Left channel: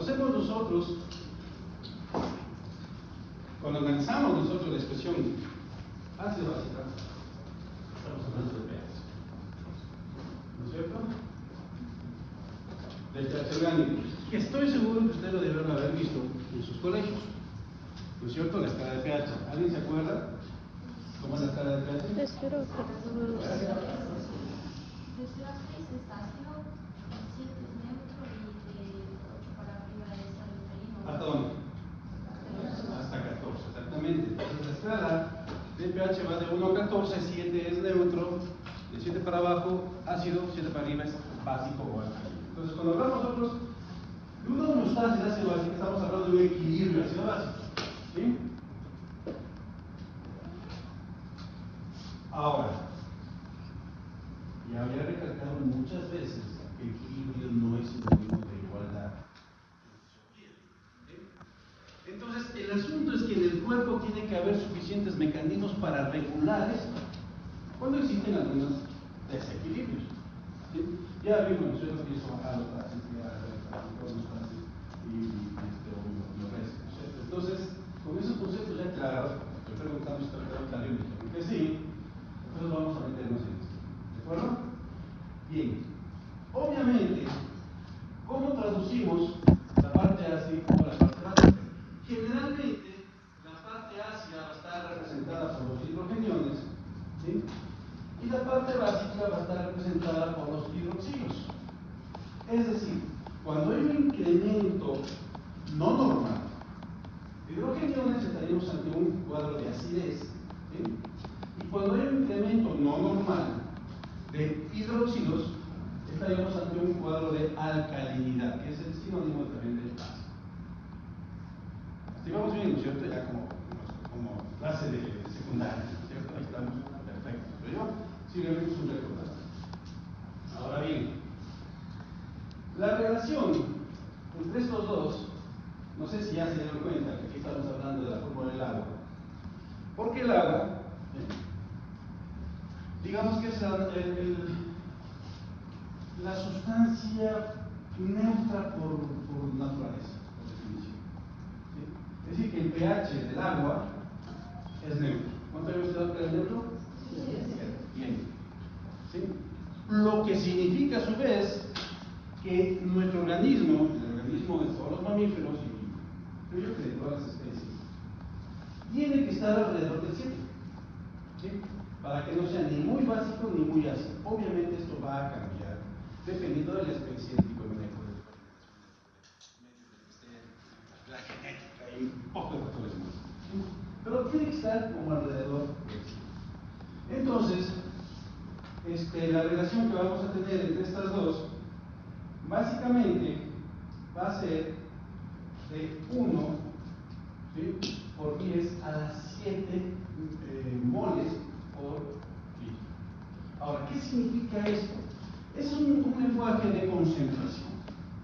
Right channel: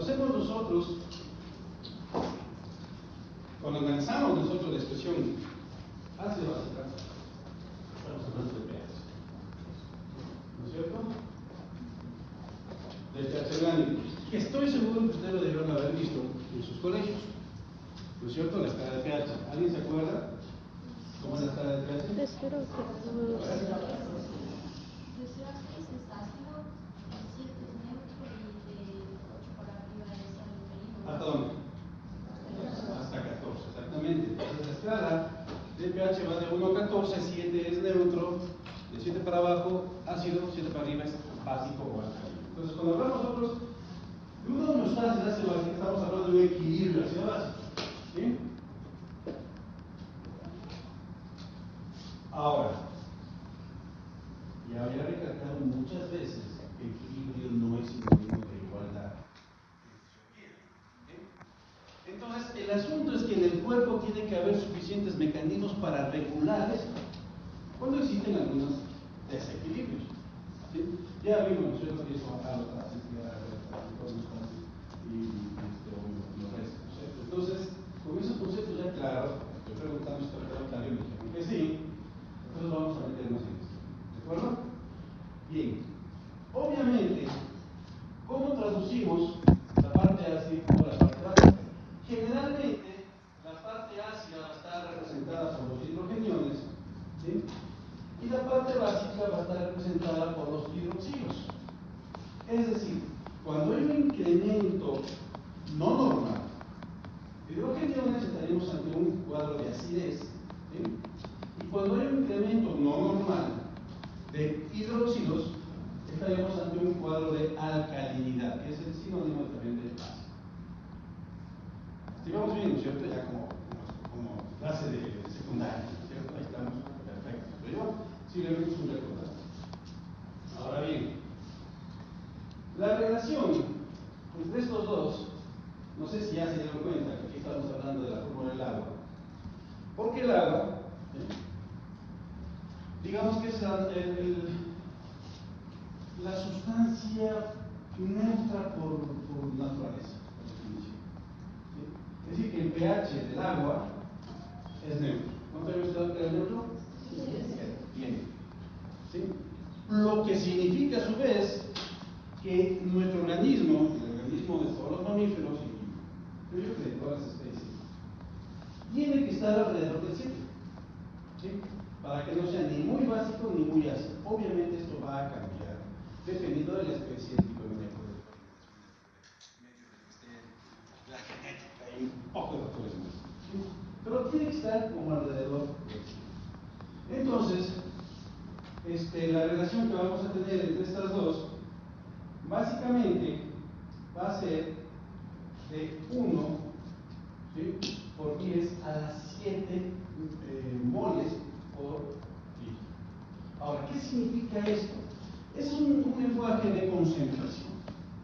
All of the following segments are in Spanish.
hacemos nosotros, cuando analizamos nosotros la expresión ácido básica, estamos hablando de pH, ¿no es cierto? Del pH orgánico. Estoy seguro que ustedes lo debieron haber visto en sus colegios, ¿no es cierto? La escala de pH. ¿Alguien se acuerda cómo es la escala de pH? Espero que todos. ¿Hasta dónde? Hasta 14, exactamente. Entonces la escala de pH va de 1 a 14, 7 es neutro, de 7 para abajo ácido, 7 para arriba es básico o alcalino. Entonces cuando hablamos nosotros de una homeostasis ácido básico, estamos hablando de un equilibrio ácido básico. ¿Sí? Ahora, ya había recalcado muchas veces que el equilibrio no es sinónimo de igualdad. Entonces, el asunto es que en el cuerpo tiene que haber suficientes mecanismos para regular esto cuando existen algunos desequilibrios. ¿Sí? Ya vimos, ¿no es cierto?, que eso a la sensibilidad y lo resto, ¿no es cierto? Entonces, con esos conceptos ya claros, estoy preguntando si está claro y me dijeron que sí, entonces vamos a meternos en esto. ¿De acuerdo? Bien. Obviamente, ¿cómo traducimos la parte ácida o la parte básica? Generalmente, la parte ácida va a estar representada por los hidrogeniones, ¿sí? Y la parte básica va a estar representada por los hidroxilos. Es decir, cuando hay un incremento no normal de hidrogeniones, estaríamos ante un cuadro de acidez, ¿sí? Y cuando hay un incremento no normal de hidroxilos, estaríamos ante un cuadro de alcalinidad, que es el sinónimo también de básico. Así vamos bien, ¿no es cierto? Ya como clase de secundaria, ¿no es cierto? Ahí estamos, perfecto. Pero yo simplemente es un recordatorio. Ahora bien, la relación entre estos dos, no sé si ya se dieron cuenta que aquí estamos hablando de la fórmula del agua. Porque el agua, digamos que es la sustancia neutra por naturaleza, por definición. ¿Sí? Es decir, que el pH del agua es neutro. ¿Cuánto había usted que es neutro? Sí. Bien. ¿Sí? Lo que significa a su vez que nuestro organismo, el organismo de todos los mamíferos, y creo que de todas las especies, tiene que estar alrededor del 7. ¿Sí? Para que no sea ni muy básico ni muy ácido. Obviamente esto va a cambiar dependiendo de la especie, el tipo de manejo de medio en el que esté, la genética y un poco de factores más. ¿Sí? Pero tiene que estar como alrededor del 7. Entonces, la relación que vamos a tener entre estas dos, básicamente va a ser de 1, ¿sí?, por 10 a las 7 moles por litro. Ahora, ¿qué significa esto? Es un lenguaje de concentración.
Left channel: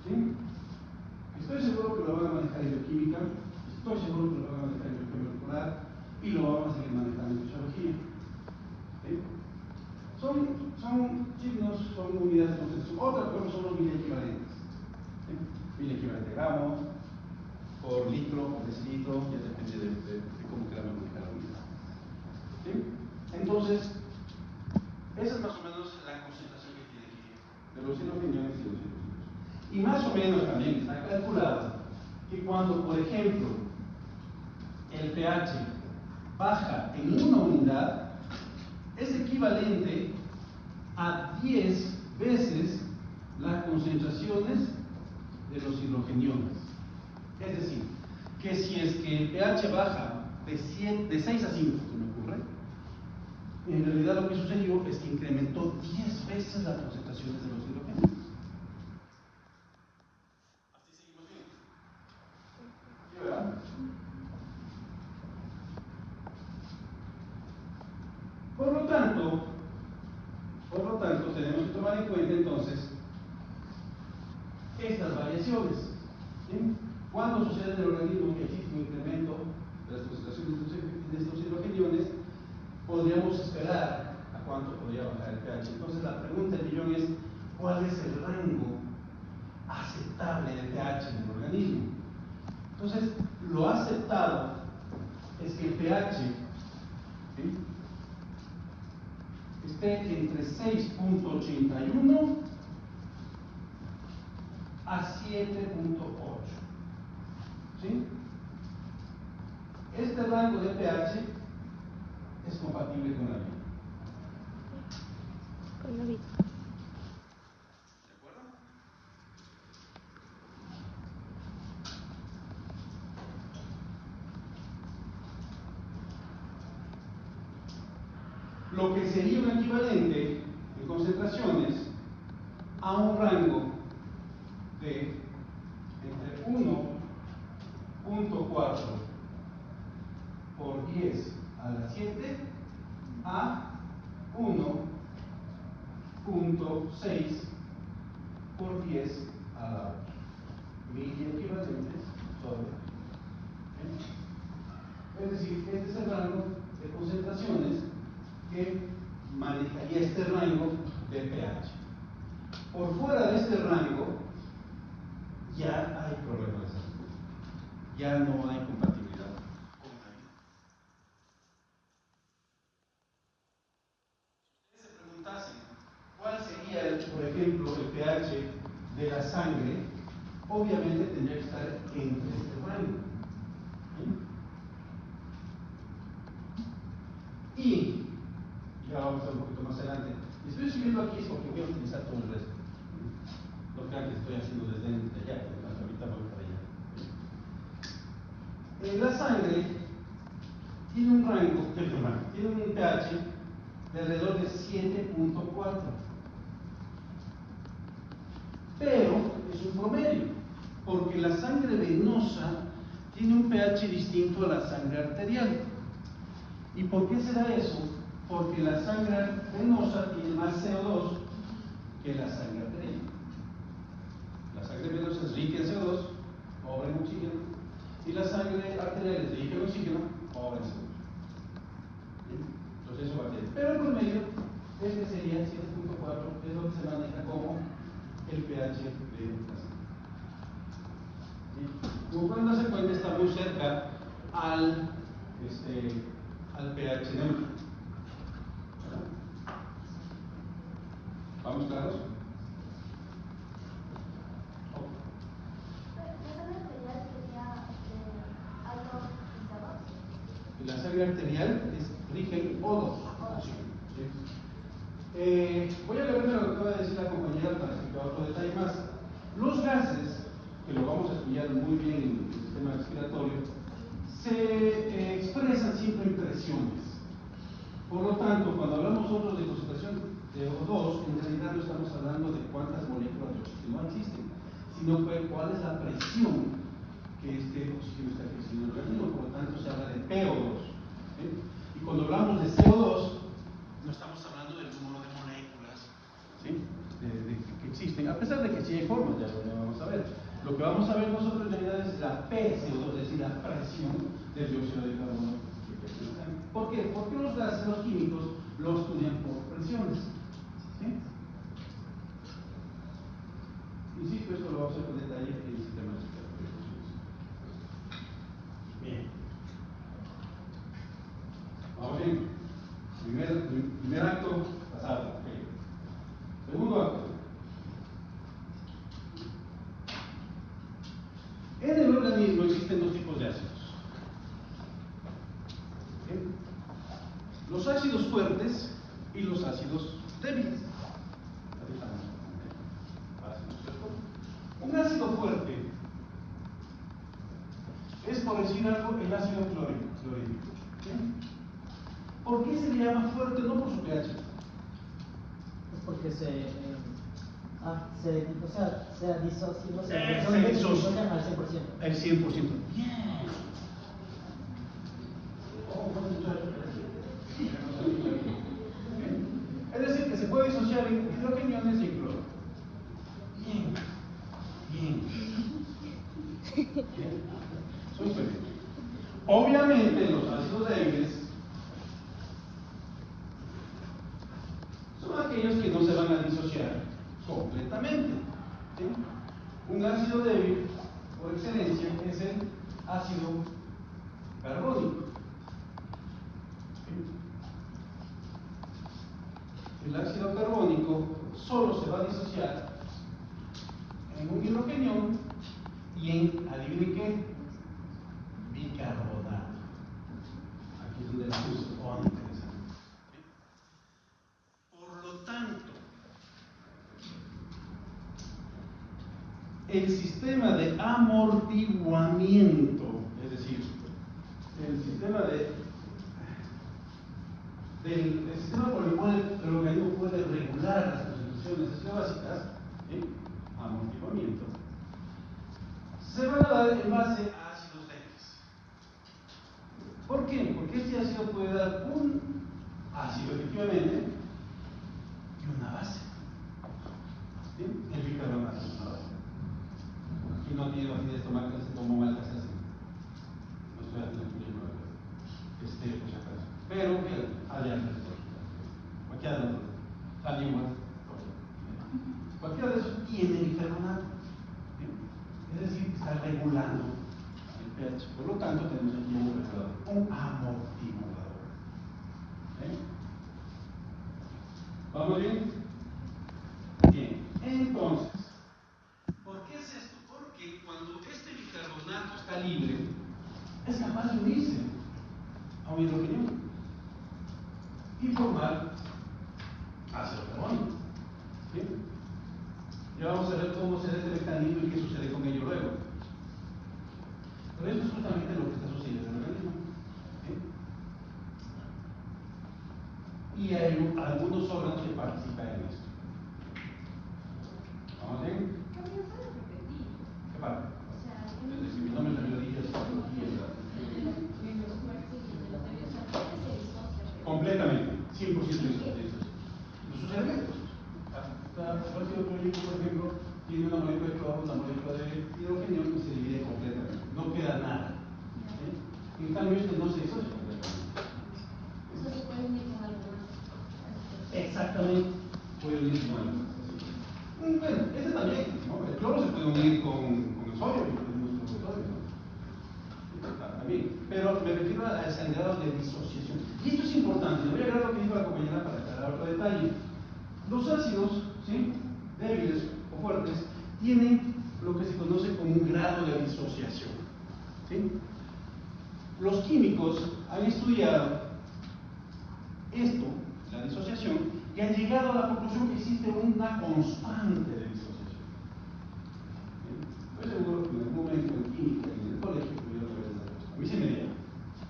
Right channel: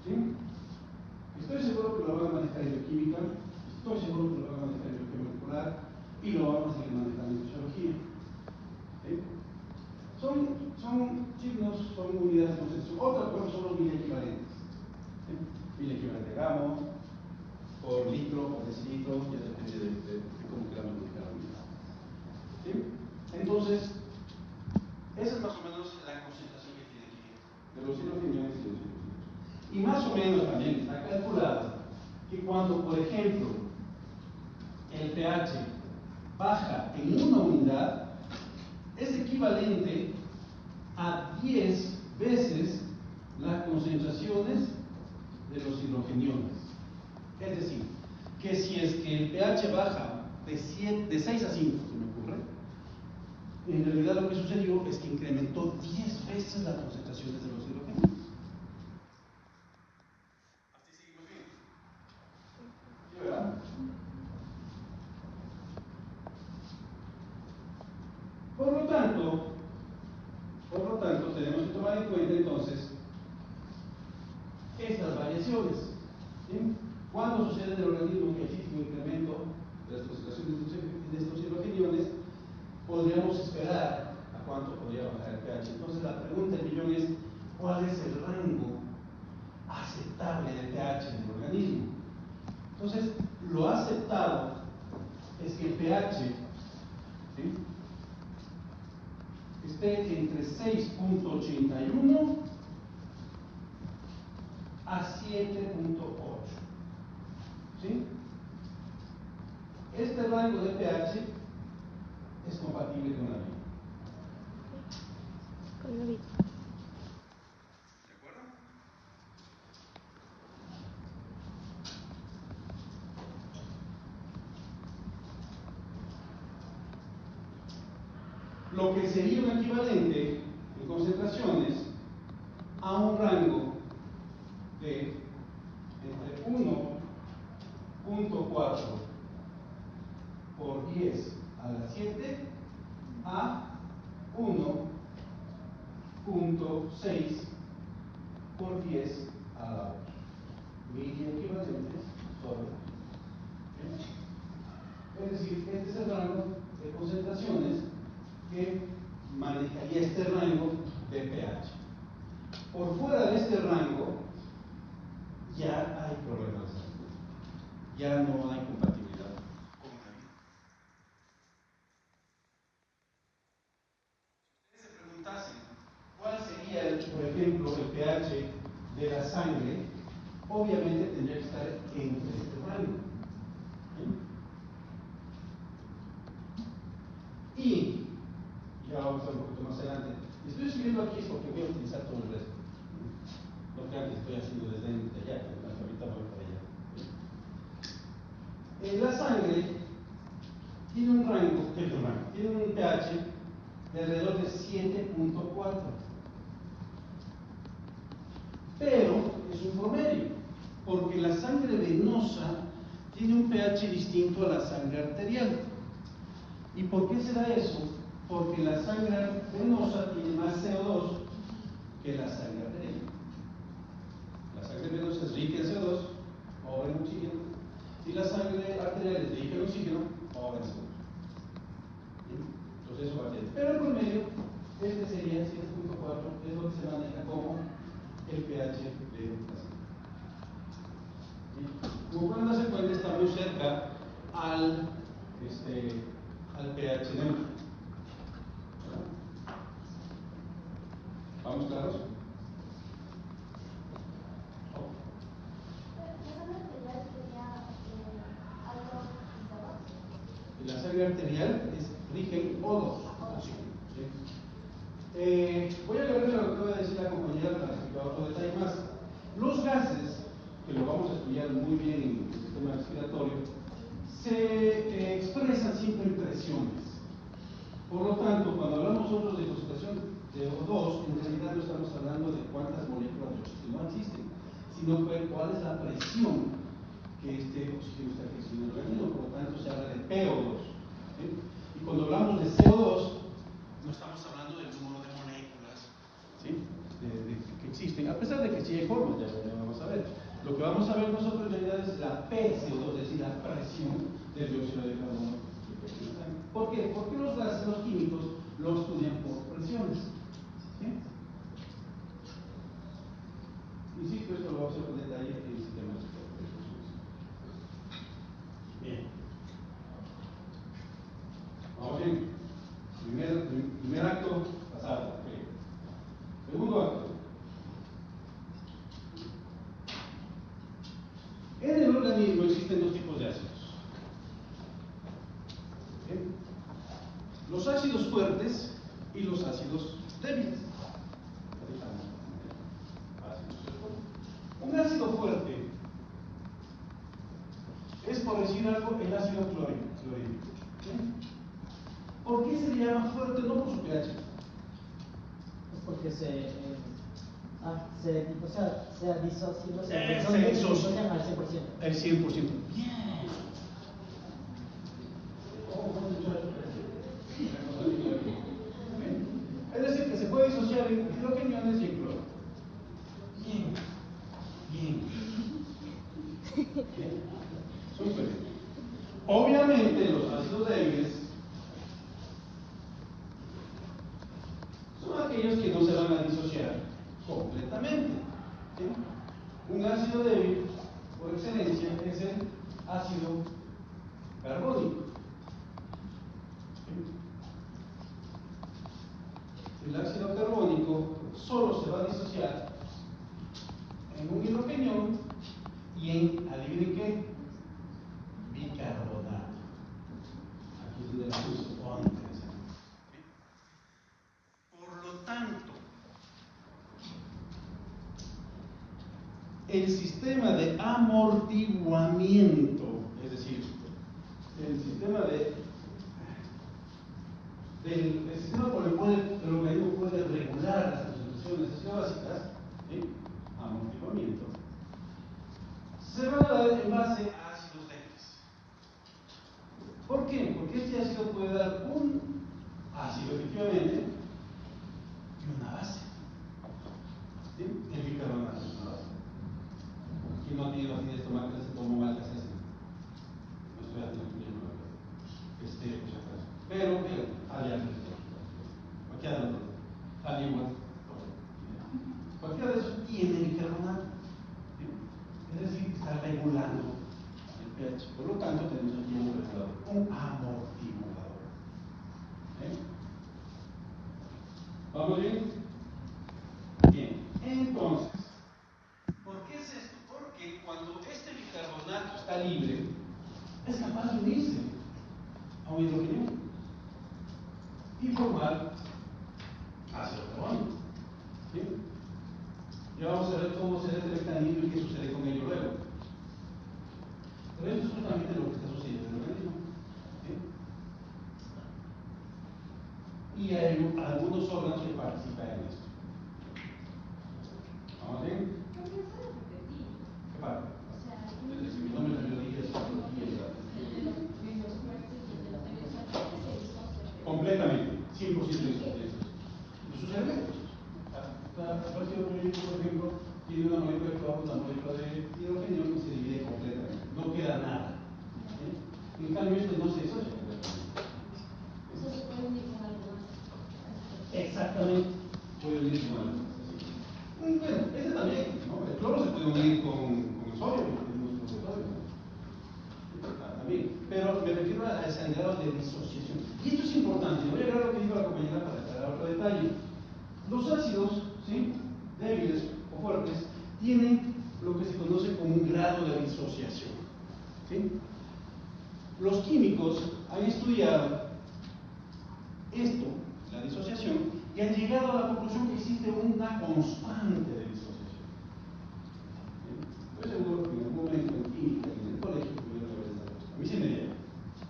¿Sí? Estoy seguro que lo van a manejar en bioquímica, estoy seguro que lo van a manejar en bioquímica molecular y lo vamos a seguir manejando en fisiología. ¿Sí? Son signos, son unidades de concentración. Otra cosa son los miliequivalentes. ¿Sí? Miliequivalente gramo, por litro, por decilitro, ya depende de cómo queramos manejar la unidad. ¿Sí? Entonces, esa es más o menos la concentración que tiene aquí de los hidrogeniones y los hidroxilos. Y más o menos también está calculado que cuando, por ejemplo, el pH baja en una unidad, es equivalente a 10 veces las concentraciones de los hidrogeniones. Es decir, que si es que el pH baja de 6 a 5, se me ocurre, en realidad lo que sucedió es que incrementó 10 veces las concentraciones de los hidrogeniones. ¿Así seguimos bien? ¿Sí, verdad? Por lo tanto, tenemos que tomar en cuenta entonces estas variaciones. ¿Sí? Cuando sucede en el organismo que existe un incremento de las concentraciones de estos hidrogeniones, podríamos esperar a cuánto podría bajar el pH. Entonces la pregunta del millón es, ¿cuál es el rango aceptable de pH en el organismo? que pH, ¿sí?, esté entre 6.81 a 7.8. ¿Sí? Este rango de pH es compatible con la vida. Con la vida. ¿De acuerdo? Lo que sería un equivalente en concentraciones a un rango de entre 1.4 por 10 a la 7 a 1.6 por 10 a la 8. Mil equivalentes sobre. Es decir, este es el rango de concentraciones que manejaría este rango de pH. Por fuera de este rango ya hay problemas de salud. Ya no hay compatibilidad con la vida. Si ustedes se preguntasen cuál sería, por ejemplo, el pH de la sangre, obviamente tendría que estar entre este rango. Y ya vamos a ver un poquito más adelante. Estoy subiendo aquí porque voy a utilizar todo el resto. No crean que estoy haciendo desde allá, porque ahorita voy para allá. La sangre tiene un rango, tiene un pH de alrededor de 7.4. Pero es un promedio, porque la sangre venosa tiene un pH distinto a la sangre arterial. ¿Y por qué será eso? Porque la sangre venosa tiene más CO2 que la sangre arterial. La sangre venosa es rica en CO2, pobre en oxígeno, y la sangre arterial es rica en oxígeno, pobre en CO2. Entonces eso va a tener. Pero el promedio, este sería 7.4, es lo que se maneja como el pH de la sangre. Como cuando se cuenta, está muy cerca al pH neutro. ¿Vamos claros? La sangre arterial es rica en O2. ¿Sí? Voy a leerle lo que acaba de decir la compañera para que pueda otro detalle más. Los gases, que lo vamos a estudiar muy bien en el sistema respiratorio, se expresan siempre en presiones. Por lo tanto, cuando hablamos nosotros de concentración de O2, en realidad no estamos hablando de cuántas moléculas de oxígeno existen, sino cuál es la presión que este oxígeno está ejerciendo en el organismo. Por lo tanto, se habla de PO2. ¿Sí? Y cuando hablamos de CO2, no estamos hablando del número de moléculas, ¿sí?, que existen, a pesar de que sí hay formas, ya lo vamos a ver. Lo que vamos a ver nosotros en realidad es la PCO2, es decir, la presión del dióxido de carbono. ¿Por qué? Porque los gases, los químicos, lo estudian por presiones. ¿Sí? Insisto, esto lo vamos a ver con detalle en el sistema respiratorio. Bien. Vamos bien. Primer acto pasado. Okay. Segundo acto. En el organismo existen dos tipos de ácidos. ¿Bien? Los ácidos fuertes y los ácidos débiles. Un ácido fuerte es, por decir algo, el ácido clorhídrico. ¿Por qué se le llama fuerte? No por su pH. Es porque se disocian al 100%. El 100%. Bien. Es decir, que se puede disociar en hidrogeniones y en cloro. Bien. Súper. Obviamente los ácidos débiles son aquellos que no se van a disociar completamente. ¿Sí? Un ácido débil, por excelencia, es el ácido carbónico. solo se va a disociar en un hidrogenión y en, adivinen qué, bicarbonato. Aquí es donde la cosa se pone interesante. Por lo tanto, el sistema de amortiguamiento, es decir, el sistema el sistema por el cual el organismo puede regular las concentraciones básicas, ¿sí? Amortiguamiento, se van a dar en base a ácidos débiles. ¿Por qué? Porque este ácido puede dar un ácido efectivamente y una base. ¿Sí? El bicarbonato es una base. Quien no tiene acidez estomacal se toma mal que se hace. No estoy haciendo pues acaso. Pero, allá cualquiera de los dos, salimos, cualquiera de esos tiene bicarbonato. Es decir, está regulando el pH. Por lo tanto, tenemos aquí un regulador, un amortiguador. ¿Vamos bien? Bien. Entonces, ¿por qué es esto? Porque cuando este bicarbonato está libre, es capaz de unirse a un hidrogenio y formar ácido carbónico. ¿Sí? Ya vamos a ver cómo será este mecanismo y qué sucede con ello luego. Pero esto es justamente lo que está sucediendo en el organismo. ¿Sí? Y hay algunos órganos que participan en esto. ¿Vamos bien? ¿Qué parte? Desde que mi nombre es biología, completamente, 100% de eso. Sus elementos. Cualquier proyecto, por ejemplo, tiene una molécula de cloro, una molécula de hidrógeno que se divide completamente. No queda nada. En cambio, esto no se disocia completamente. Exactamente. Puede unir con algo. Bueno, ese también, ¿no? El cloro se puede unir con el sodio, también. Pero me refiero a ese grado de disociación. Y esto es importante. Voy a ver lo que dijo la compañera para aclarar otro detalle. Los ácidos, ¿sí?, débiles o fuertes tienen lo que se conoce como un grado de disociación. ¿Sí? Los químicos han estudiado esto, la disociación, y han llegado a la conclusión que existe una constante de disociación. Estoy seguro que en algún momento en química, en el colegio, tuvieron que ver esta cosa. A mí sí me dieron.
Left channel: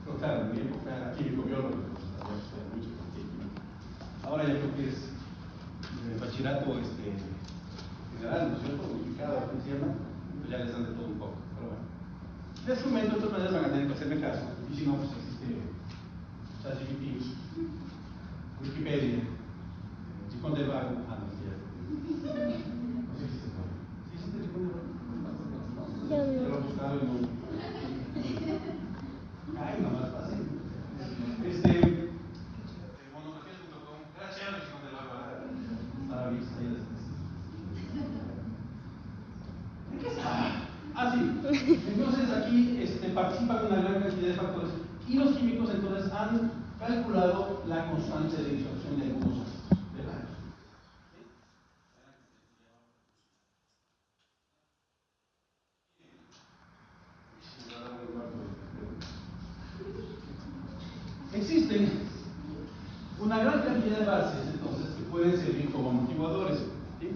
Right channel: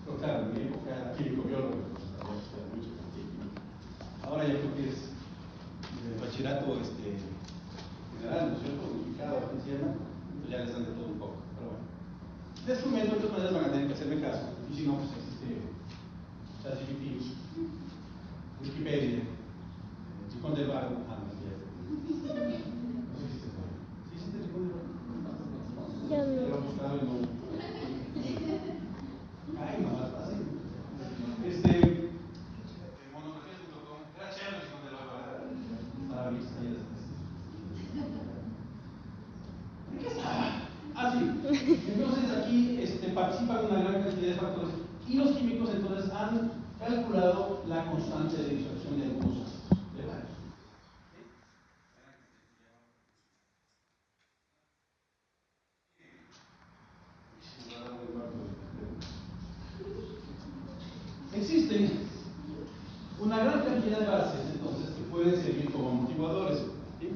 Pero claro, en mi época era químico-biólogo, había estudiado mucho con química. Ahora ya creo que es bachillerato general, ¿no es cierto? Unificado, ¿cómo se llama? Pues ya les dan de todo un poco. Pero bueno. Les comento, de todas maneras van a tener que hacerme caso. Y si no, pues existe ChatGPT, Wikipedia, Chicón del Vago. Ah, no, sí, ya. No sé si existe todavía. ¿Sí existe Chicón del Vago? Ya lo he buscado en un. Ay, no, más fácil. Monografías.com. Era chévere Chicón del Vago. Estaba bien, ahí. ¿En qué está? Ah, sí. Entonces aquí participan una gran cantidad de factores y los químicos entonces han calculado la constante de disolución de algunos ácidos de varios. Existen una gran cantidad de bases entonces que pueden servir como amortiguadores. ¿Sí?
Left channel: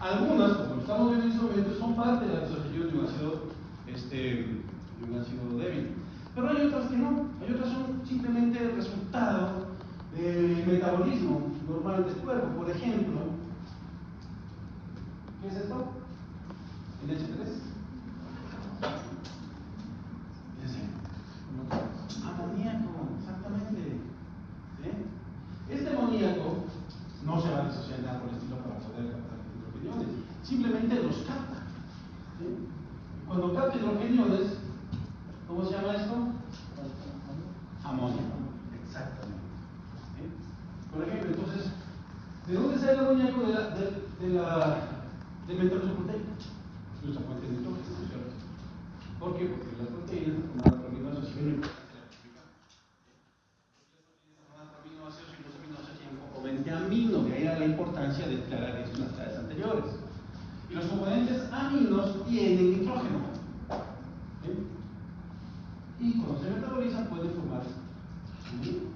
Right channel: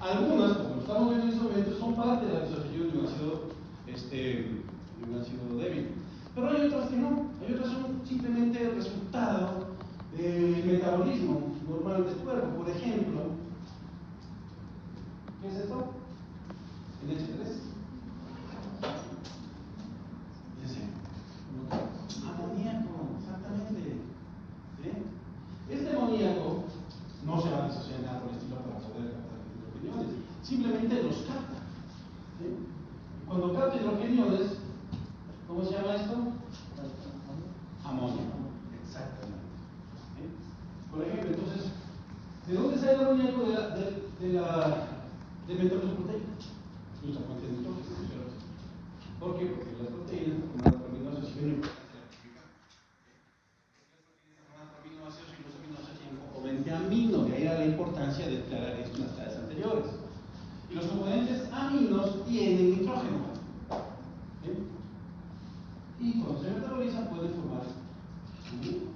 Algunas, como estamos viendo en este momento, son parte de la disociación de un ácido débil. Pero hay otras que no, hay otras que son simplemente el resultado del metabolismo normal del cuerpo. Por ejemplo, ¿qué es esto? El H3. Es decir, amoníaco, exactamente. ¿Sí? Este amoníaco no se va a disociar nada por el estilo para poder captar hidrogeniones, simplemente los capta. ¿Sí? Cuando capta hidrogeniones, ¿cómo se llama esto? Amoníaco. Exactamente. ¿Sí? Por ejemplo, entonces, ¿de dónde sale el amoníaco? Del metabolismo proteico. Nuestra fuente de nitrógeno, ¿cierto? ¿Por qué? Porque las proteínas forman aminoácidos y una importancia de la química. Las proteínas forman aminoácidos y los aminoácidos tienen un componente amino. amino, de ahí era la importancia de declarar esto en las clases anteriores. Y los componentes aminos tienen nitrógeno. ¿Sí? Y cuando se metabolizan pueden formar amino.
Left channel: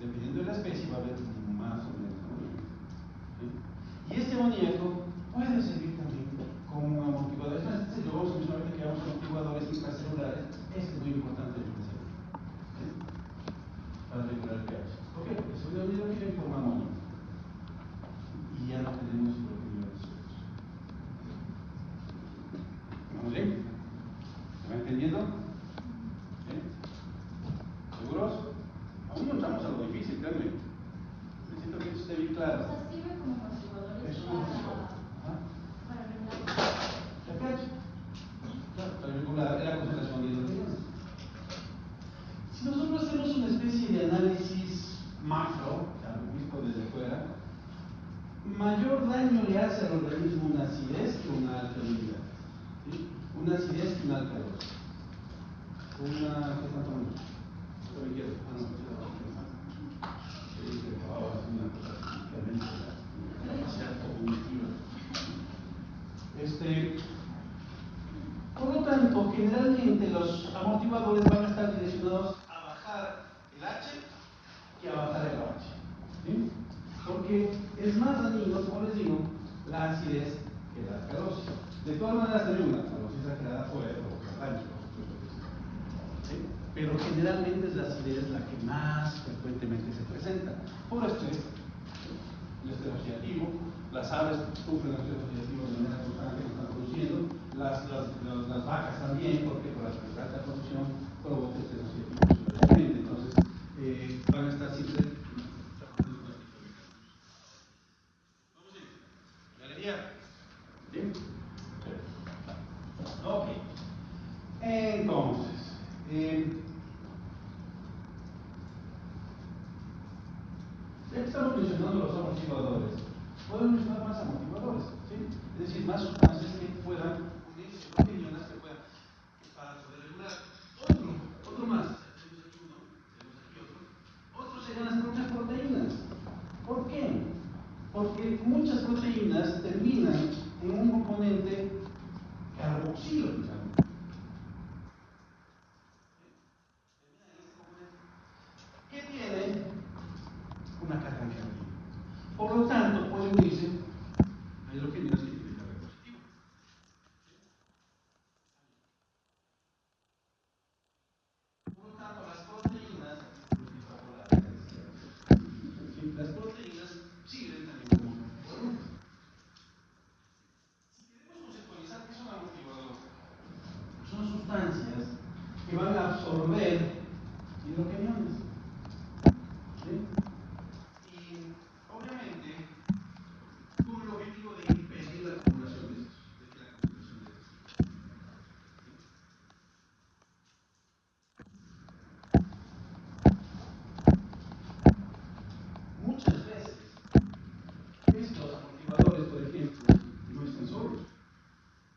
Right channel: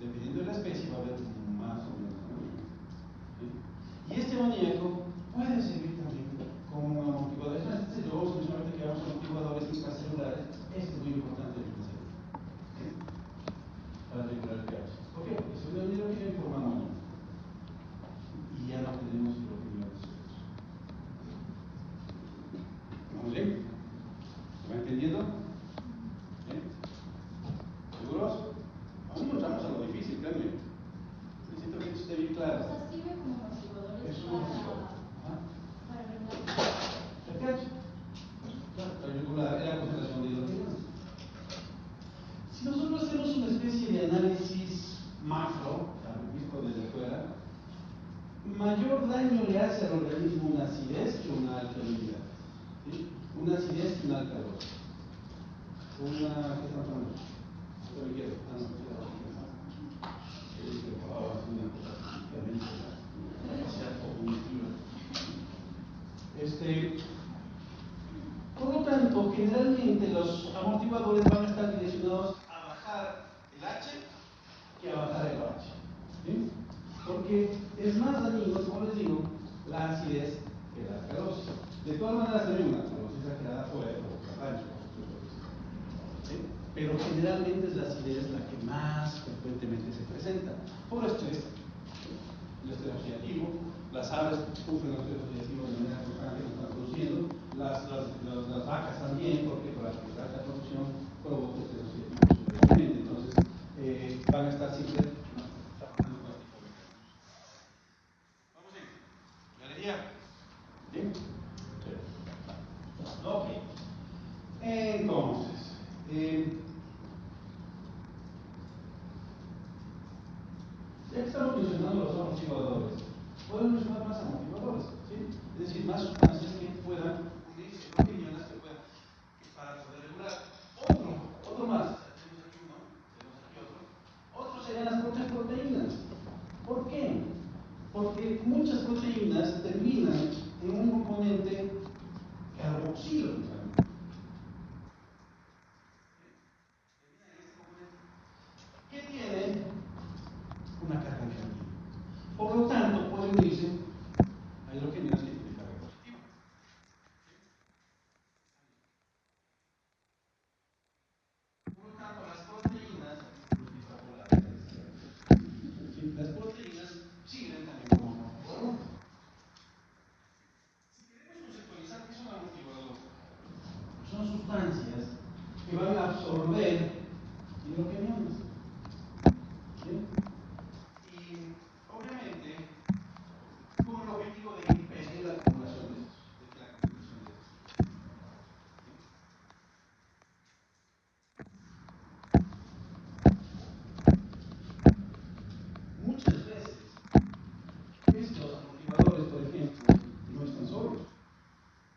Dependiendo de la especie va a haber más o menos amoníaco. ¿Sí? Y este amoníaco puede servir también como un amortiguador. Lo vamos a ver solamente que vamos a amortiguadores intracelulares. Este es muy importante de conocer. ¿Sí? Para regular el pH. ¿Por qué? Porque si uno mira bien forma amonio. Y ya no tenemos lo que yo decía. ¿Vamos bien? ¿Se va entendiendo? ¿Bien? ¿Seguros? Aún no entramos a lo difícil, créanme. Necesito que eso esté bien claro. O sea, sirve como amortiguadores Es un amortiguador. para regular ¿El pH? Claro, para regular la concentración de hidrogenados. Si nosotros hacemos una especie de análisis macro, o sea, visto desde fuera, mayor daño le hace al organismo una acidez que una alcalinidad. ¿Sí? Una acidez que una alcalosis. ¿Qué están tomando? Por la izquierda. Por lo tanto, generalmente los amortiguadores van a estar direccionados a bajar el H que a bajar el pH. ¿Sí? Porque es más dañino, como les digo, la acidez que la alcalosis. De todas maneras, hay una alcalosis exagerada puede provocar daño. ¿Sí? Pero generalmente es la acidez la que más frecuentemente se presenta. Por estrés, el estrés oxidativo, las aves sufren estrés oxidativo de manera constante que están produciendo, las vacas también, porque por la alta producción provoca estrés oxidativo frecuentemente. Entonces, van a estar siempre. Vamos a ir. Galería. ¿Bien? Sí. Ok. Entonces, ya que estamos mencionando los amortiguadores, podemos mencionar más amortiguadores, ¿sí? Es decir, más sustancias que puedan unirse, proteínas que puedan, para poder regular. Otro más, tenemos aquí uno, tenemos aquí otro. Otros serían las propias proteínas. ¿Por qué? Porque muchas proteínas terminan en un componente carboxilo. ¿Qué tiene? Una carga negativa. Por lo tanto, puede unirse a hidrogenios que tienen carga positiva. Por lo tanto, las proteínas, ¿sí? Las proteínas sirven también como amortiguadores. Si queremos conceptualizar qué son amortiguadores, son sustancias que van a absorber hidrogeniones. ¿Sí? Y obviamente con el objetivo de impedir la acumulación de estos. Muchas veces estos amortiguadores, por ejemplo, no están solos.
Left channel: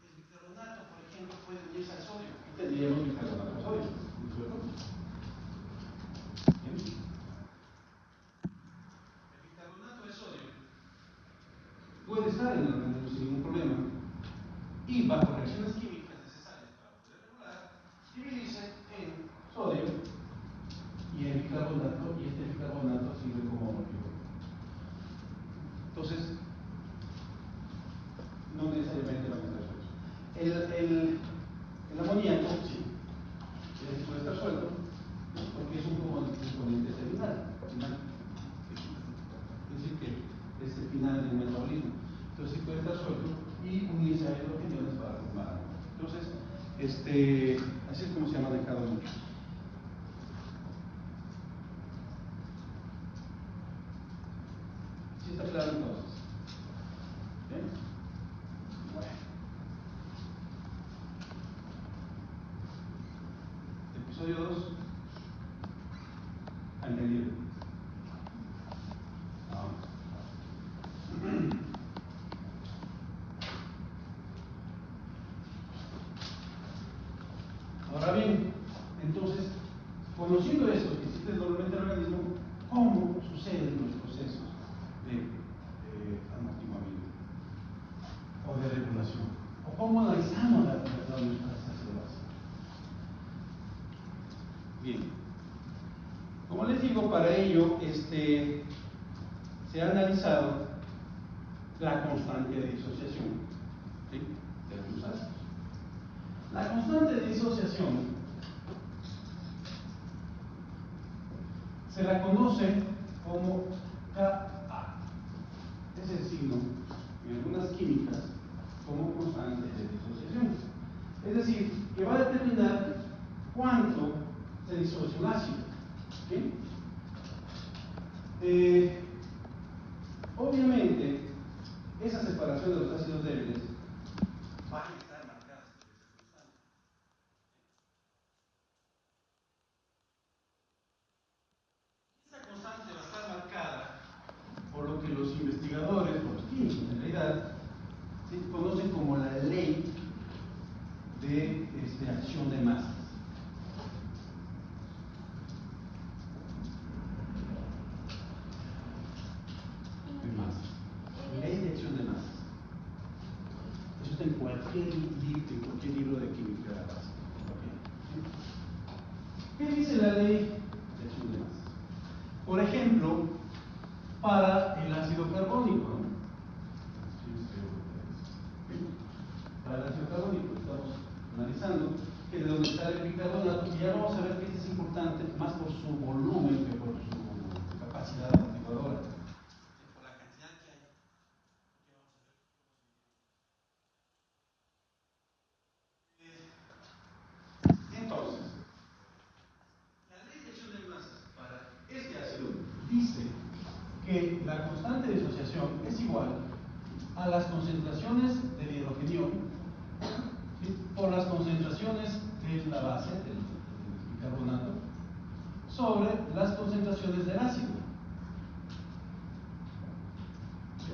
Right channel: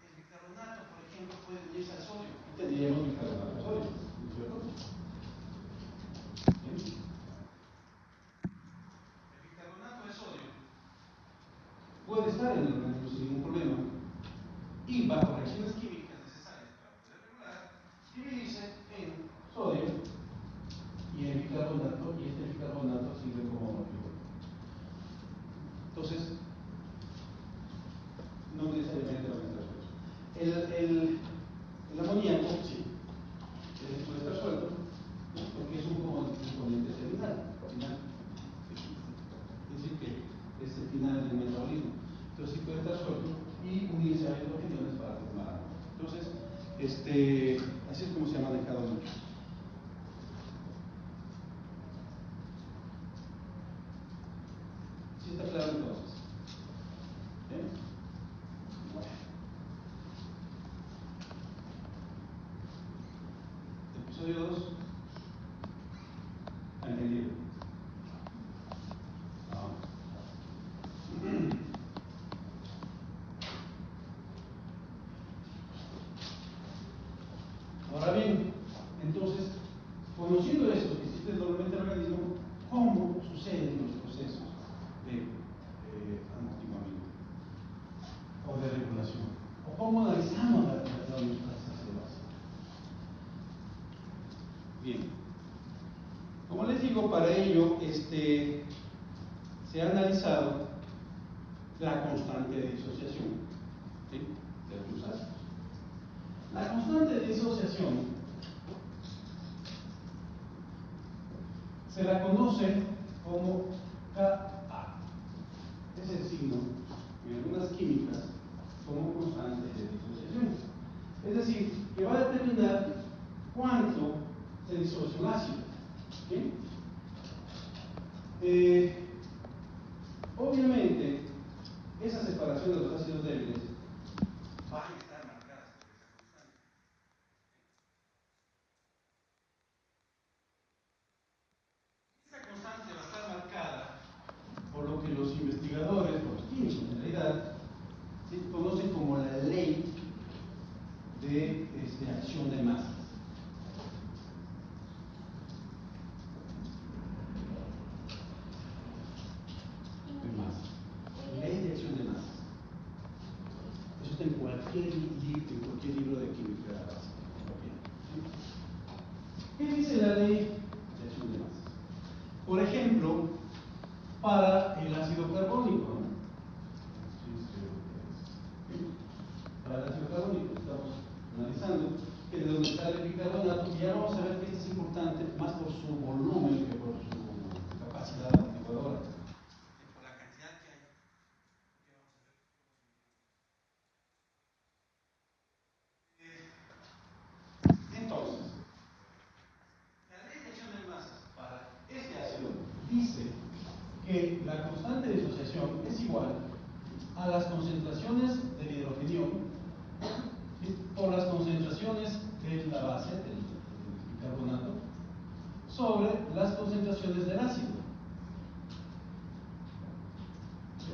El bicarbonato, por ejemplo, puede unirse al sodio y tendríamos bicarbonato de sodio. ¿No es cierto? ¿Sí? El bicarbonato de sodio puede estar en el organismo sin ningún problema y bajo reacciones químicas necesarias para poder regular, dividirse en sodio y el bicarbonato, y este bicarbonato sirve como amortiguador. Entonces, no necesariamente van a estar sueltos. El amoníaco, sí, puede estar suelto, ¿no? Porque es un componente terminal. Es decir, que es el final del metabolismo. Entonces, sí puede estar suelto y unirse a hidrogeniones para formar. Entonces, así es como se ha manejado mucho. ¿Sí está claro entonces? ¿Bien? Bueno. Episodio 2. ¿Entendido? Vamos. Ahora bien, entonces, conociendo estos que existen normalmente en el organismo, ¿cómo sucede en Como les digo, para ello se ha analizado la constante de disociación, ¿sí?, de algunos ácidos. La constante de disociación se la conoce como Ka. Es el signo en algunas químicas como constante de disociación. Es decir, que va a determinar cuánto se disocia un ácido. ¿Sí? Obviamente, esa separación de los ácidos débiles va a estar marcada por esa constante. Esa constante va a estar marcada por lo que los investigadores, los químicos en realidad, ¿sí?, conocen como la ley de acción de masas. Ley de acción de masas. Eso está en cualquier libro de química básica. ¿Qué dice la ley de acción de masas? Por ejemplo, para el ácido carbónico, ¿no? Para el ácido carbónico estamos analizando que de donde sale el bicarbonato, y ya vamos a ver que esto es importante más por su volumen que por su capacidad amortiguadora. Por la cantidad que hay. Entonces, la ley de acción de masas para este ácido dice que la constante de disociación es igual a las concentraciones del hidrogenio, ¿sí?, por las concentraciones de la base del bicarbonato sobre las concentraciones del ácido. ¿Sí?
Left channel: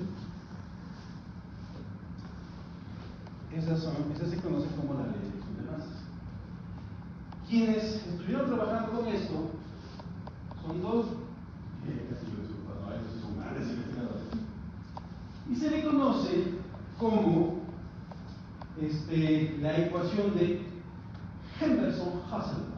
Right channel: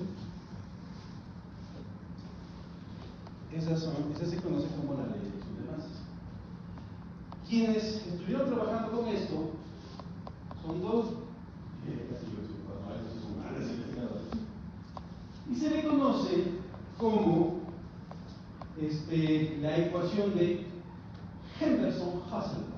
Esa se conoce como la ley de acción de masas. Quienes estuvieron trabajando con esto son dos, son grandes investigadores, y se le conoce como la ecuación de Henderson-Hasselbalch.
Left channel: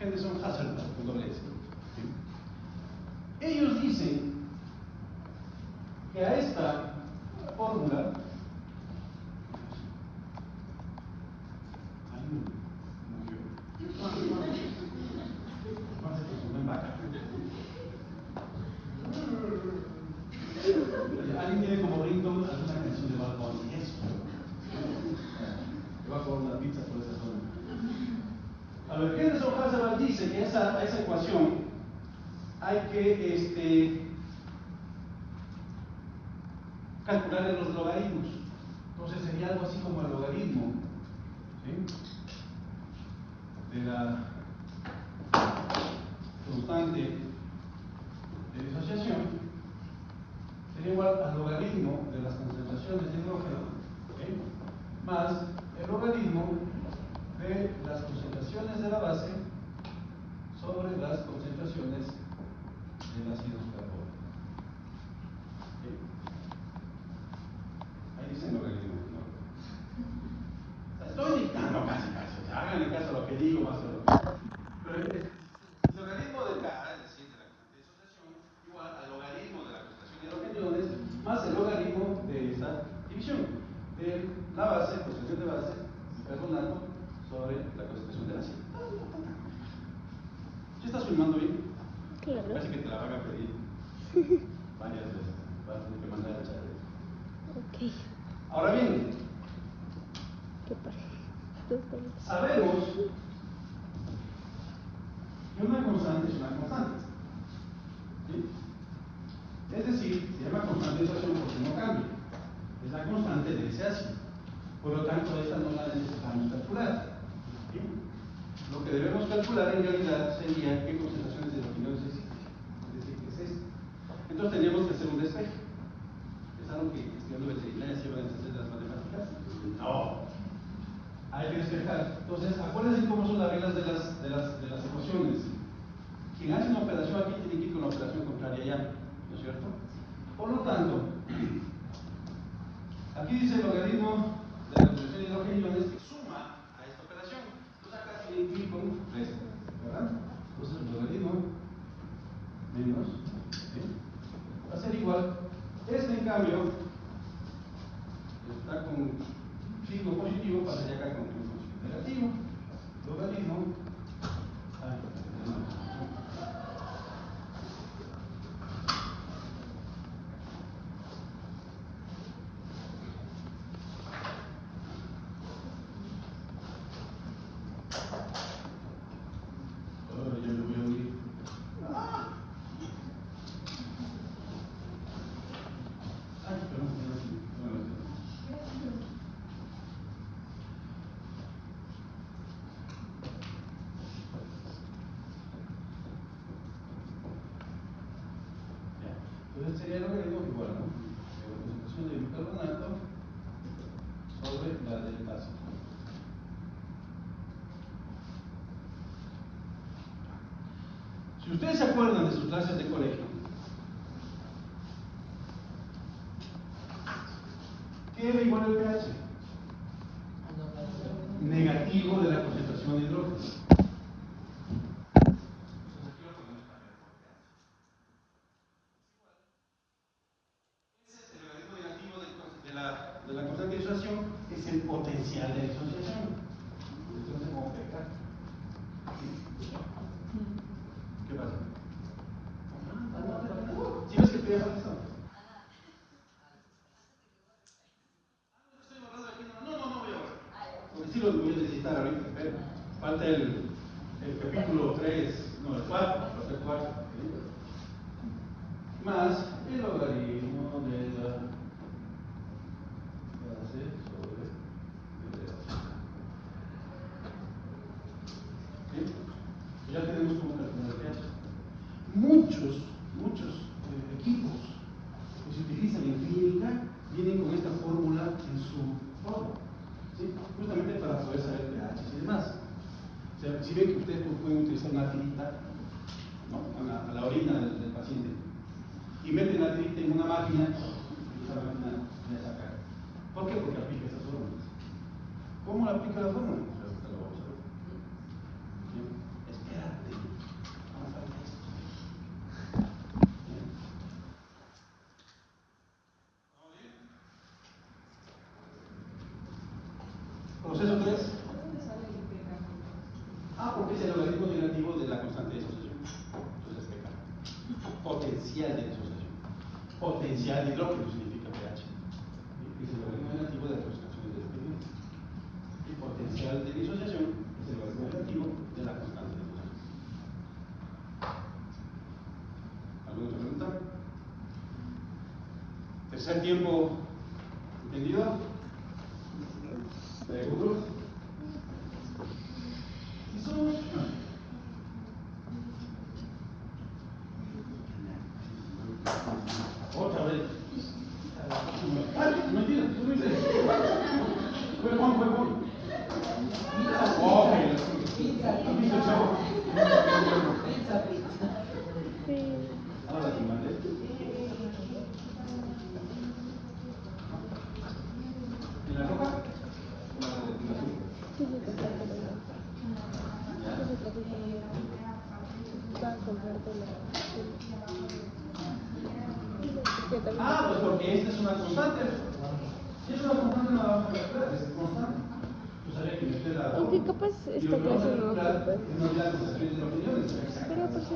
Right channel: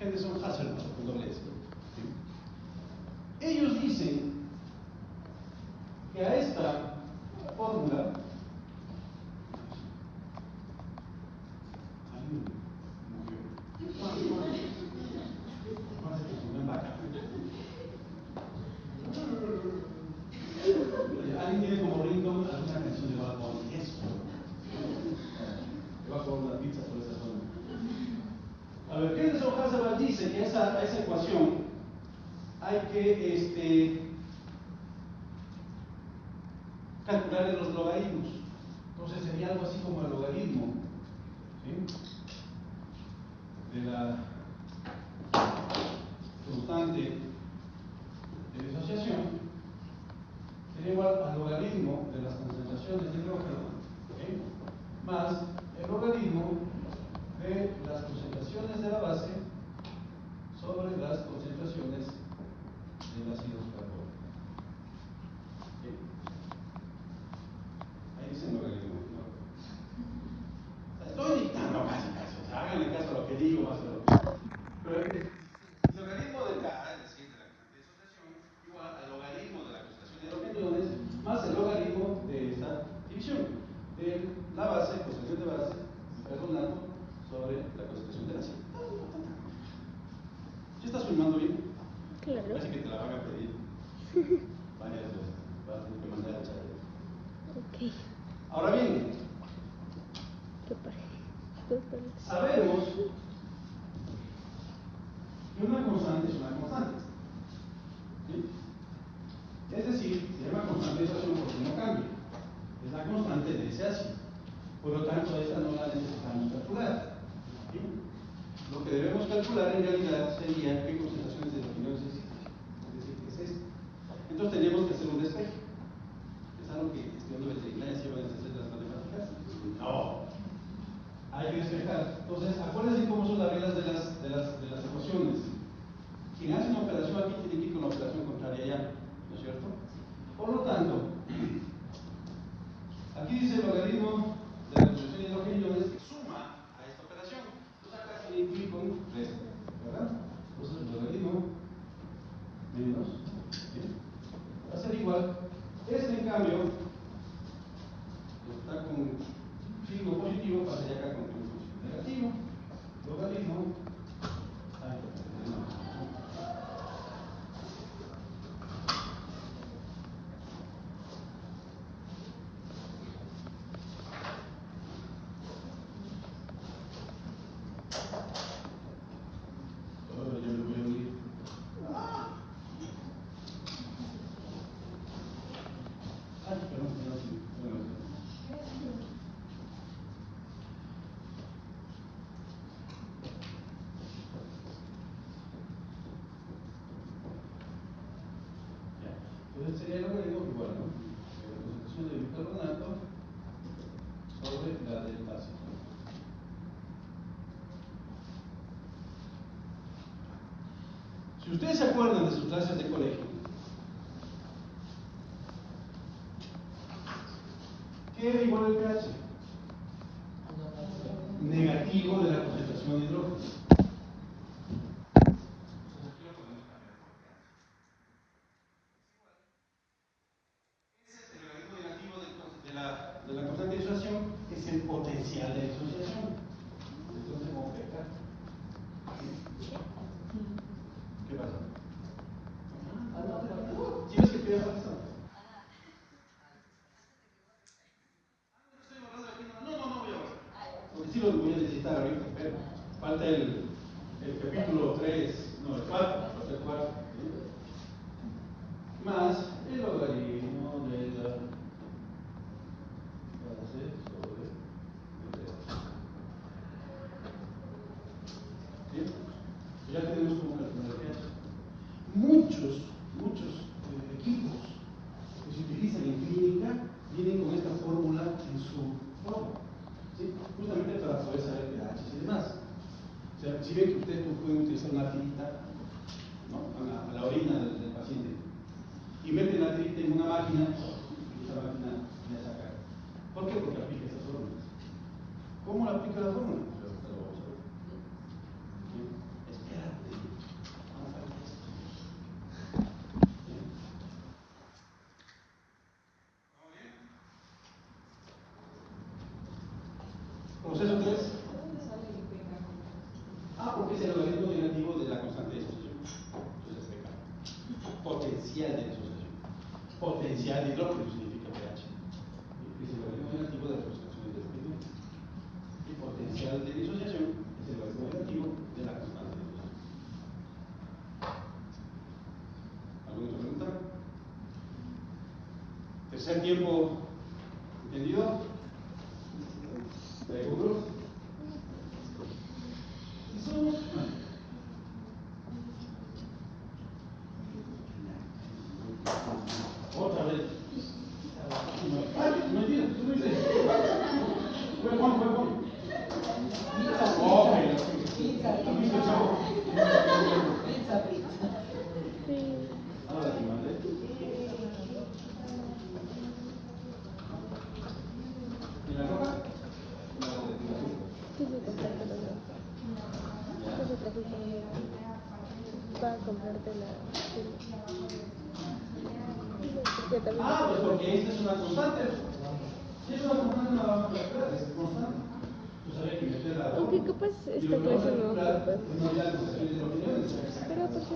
Henderson-Hasselbalch, con doble S. Ellos dicen que a esta fórmula alguien tiene como ringtone alguna canción de Bad Bunny. Eso. Le va a comer una pizza por esa zona. A ver, Henderson-Hasselbalch dice que a esa ecuación hay que calcularle los logaritmos. Entonces sería algo así como el logaritmo, ¿sí?, de la constante de disociación sería igual al logaritmo de las concentraciones de hidrógeno, ¿sí?, más el logaritmo de las concentraciones de la base sobre las concentraciones del ácido carbónico. ¿Sí? Ahí dice el logaritmo, ¿no? Estoy dictando casi, o sea, háganle caso a lo que digo más o menos. Pero el logaritmo de K, es decir, de la constante de disociación, igual al logaritmo de la concentración de hidrogeniones más el logaritmo de esta división. De la base, concentración de base, bicarbonato, sobre la concentración del ácido. ¿Sí estás filmando bien? Claro. Parece que te la van a pedir varias veces. Vas a tener que mandar a echar. Ok. Ahora bien, ¿Qué pasa? sabemos que una constante es una constante. ¿Sí? Es decir, se llama constante de disociación porque no cambia. Es la constante de ese ácido. Por lo tanto, esta no la necesitamos calcular. ¿Sí? Lo que debemos calcular en realidad sería qué concentraciones de hidrogeniones existen. Es decir, qué es esto. Entonces tendríamos que hacer un despeje. ¿Es algo que estudiando veterinaria se van a entender las matemáticas? No. Hay que despejar. Entonces, acuérdense cómo son las reglas de las ecuaciones. Quien hace una operación operación aquí tiene que ir con la operación contraria ya, ¿no es cierto? Por lo tanto, aquí dice el logaritmo de la concentración de hidrogeniones que suma a esta operación. Entonces acá tiene que ir con resta, ¿verdad? Entonces el logaritmo menos, ¿sí? Va a ser igual. Este en cambio está con signo positivo, pasaría acá con signo negativo. Logaritmo. Ahora yo me voy a unir. Entonces sería lo que digo igual, ¿no? La concentración de bicarbonato sobre la del ácido. Si ustedes se acuerdan de sus clases de colegio, ¿qué era igual al pH? Negativo de la concentración de hidrógeno. De la constante de disociación es el potencial de disociación. Entonces, como pK. ¿Qué pasa? ¿Sí ves que te voy a esto? No voy a borrar. Porque sí lo voy a necesitar ahorita, pero falta el capítulo 3, no, el 4, falta el 4. ¿Sí? Más el logaritmo de la base sobre el pH. ¿Sí? Ya tenemos cómo calcular el pH. Muchos equipos que se utilizan en clínica vienen con esta fórmula en su logo, ¿sí? Justamente para poder saber pH y demás. O sea, si ven que ustedes pueden utilizar una tirita, ¿no?, a la orina del paciente y meten la tirita en una máquina, y esa máquina le saca. ¿Por qué? Porque aplica estas fórmulas. ¿Cómo la aplica la fórmula? Ahorita lo vamos a ver. ¿Bien? Espérate, no falta esto. ¿Bien? ¿Proceso 3? Porque es el logaritmo negativo de la constante de disociación. Entonces, pK. Potencial de disociación. Potencial de hidrógeno significa pH. Es el logaritmo negativo de la concentración de hidrógeno. Y potencial de disociación es el logaritmo negativo de la constante de disociación. ¿Alguna otra pregunta? Tercer tiempo, ¿entendido? ¿Seguros? Otra vez. Mentira, tú lo dices. Fue Juan. Ahora te mandé. ¿En la roja? Sí, va a comprarte la... Pues porque esta es una constante. Si es una constante, no la vamos a calcular, es constante. Pues habría que meter la. Aunque capaz esta clase no ocupa. Pero por si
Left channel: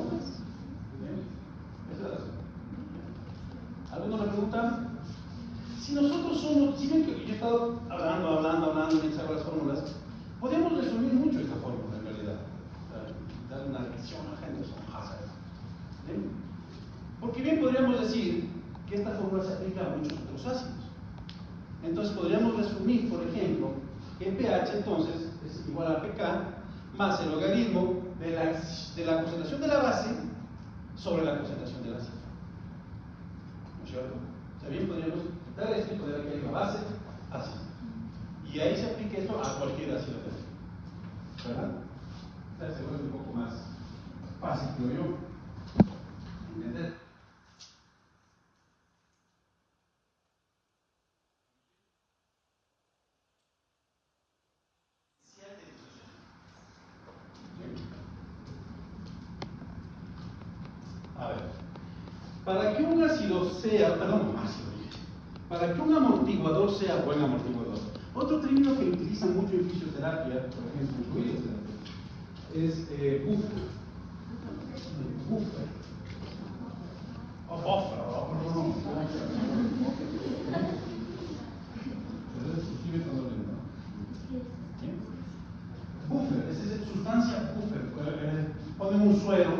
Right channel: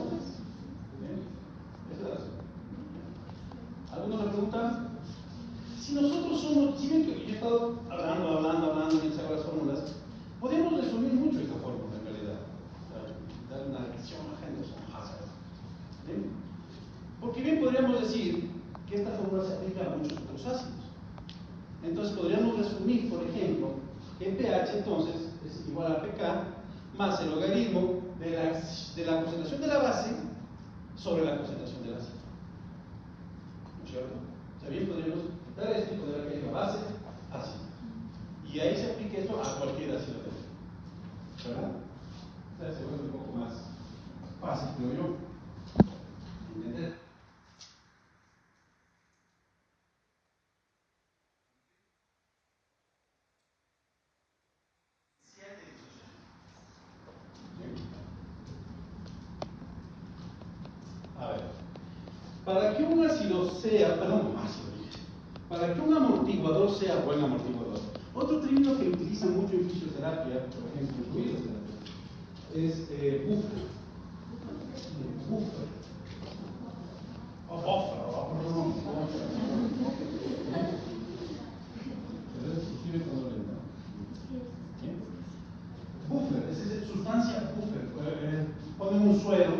acaso. ¿Alguno le pregunta? Si nosotros somos, si ven que yo he estado hablando mientras hago las fórmulas, podemos resumir mucho esta fórmula en realidad. Dar una reacción a Henderson Hazard. ¿Bien? Porque bien podríamos decir que esta fórmula se aplica a muchos otros ácidos. Entonces podríamos resumir, por ejemplo, que pH entonces es igual a pK más el logaritmo de la concentración de la base sobre la concentración del ácido. ¿No es cierto? O sea, bien podríamos quitar esto y poner aquí la base ácido. Y ahí se aplica esto a cualquier ácido que ¿verdad? O sea, se vuelve un poco más fácil, creo yo. Para que un para que un amortiguador sea buen amortiguador. Otro término que utilizan mucho en fisioterapia, por ejemplo, en fisioterapia, es buffer. Buffer. O buffer, no. Pero eso se escribe con doble, ¿no? Buffer, es sustancia buffer. Ponen un suero,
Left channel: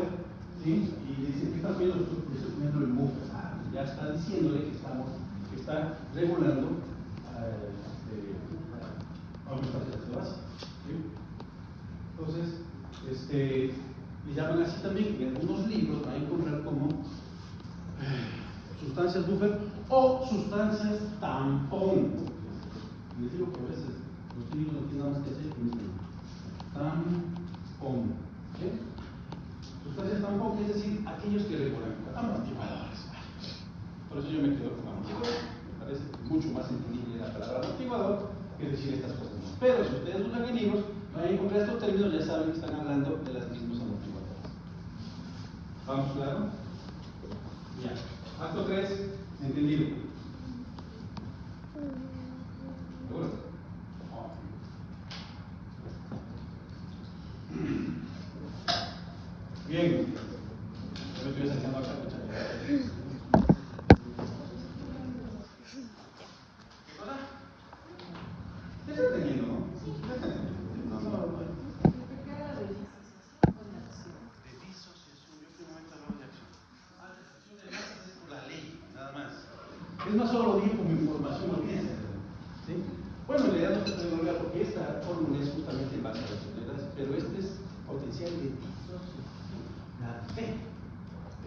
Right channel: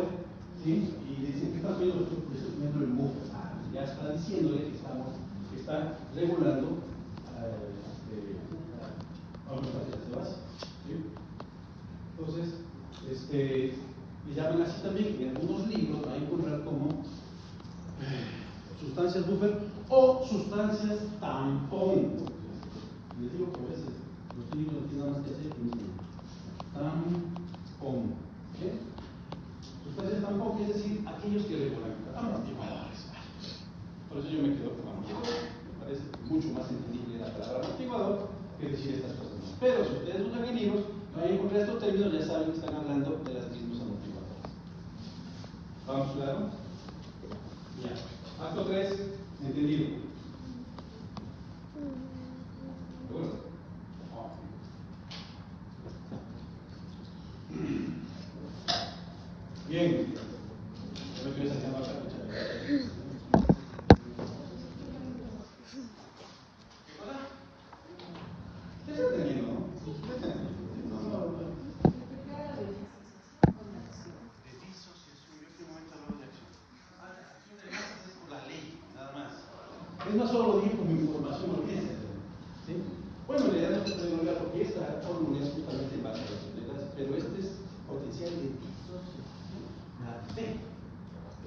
¿sí? Y dicen que está poniendo el buffer. Ya está diciéndole que está regulando aumentaciones de base. ¿Sí? Entonces, le llaman así también, en algunos libros van a encontrar como sustancias buffer o sustancias tampón. Les digo que a veces los libros no tienen nada más que hacer que dicen tampón. ¿Sí? Sustancias tampón, es decir, aquellos que regulan amortiguadores. Por eso yo me quedo con amortiguador. Me parece mucho más entendible la palabra amortiguador que decir estas cosas. Pero si ustedes buscan en libros, van a encontrar estos términos, ya saben que están hablando de los mismos amortiguadores. ¿Vamos claro? Ya. Acto 3, entendido. ¿Seguro? Bien. Yo me estoy sacando acá, ¿qué está entendiendo, no? Es más solo lo digo como información, lo piensa. ¿Sí? Bueno, en realidad no se puede olvidar porque esta fórmula es justamente en base a las unidades, pero este es potencial de disociación. La D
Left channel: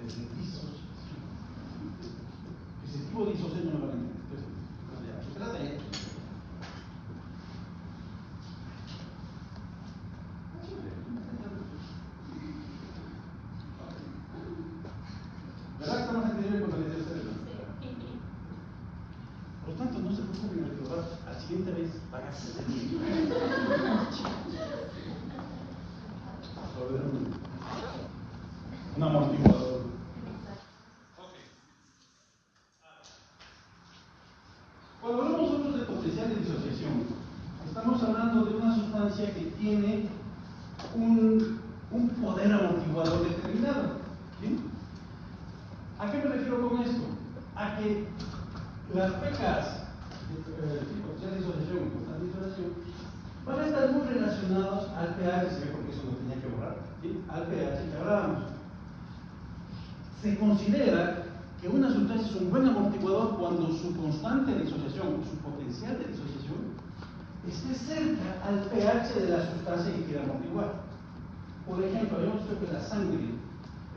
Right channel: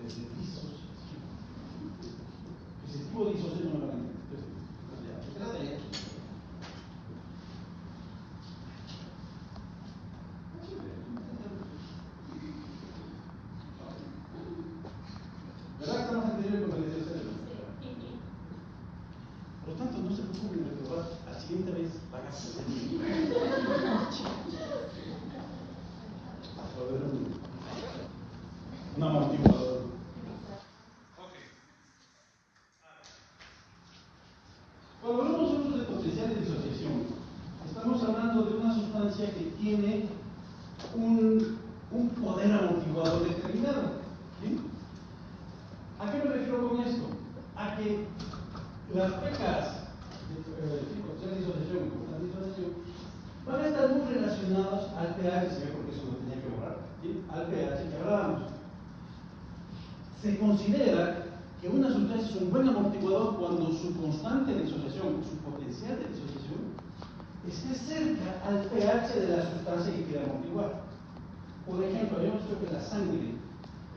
es de disociación. Positivo de disociación no lo van a entender. Entonces, se trata de ¿verdad que estamos entendiendo con el cerebro? Por lo tanto, no se preocupen en recordar, la siguiente vez van a ser un amortiguador. Ok. Cuando hablamos nosotros de potencial de disociación, estamos hablando de una sustancia que tiene un poder amortiguador determinado. ¿Sí? ¿A qué me refiero con esto? A que las pKs potencial de disociación van a estar muy relacionados al pH, porque eso no tenía que borrar, ¿sí? Al pH que hablábamos. Se considera que una sustancia es un buen amortiguador cuando su constante de disociación, su potencial de disociación, esté cerca al pH de la sustancia que quiere amortiguar. Por ejemplo, habíamos visto que la sangre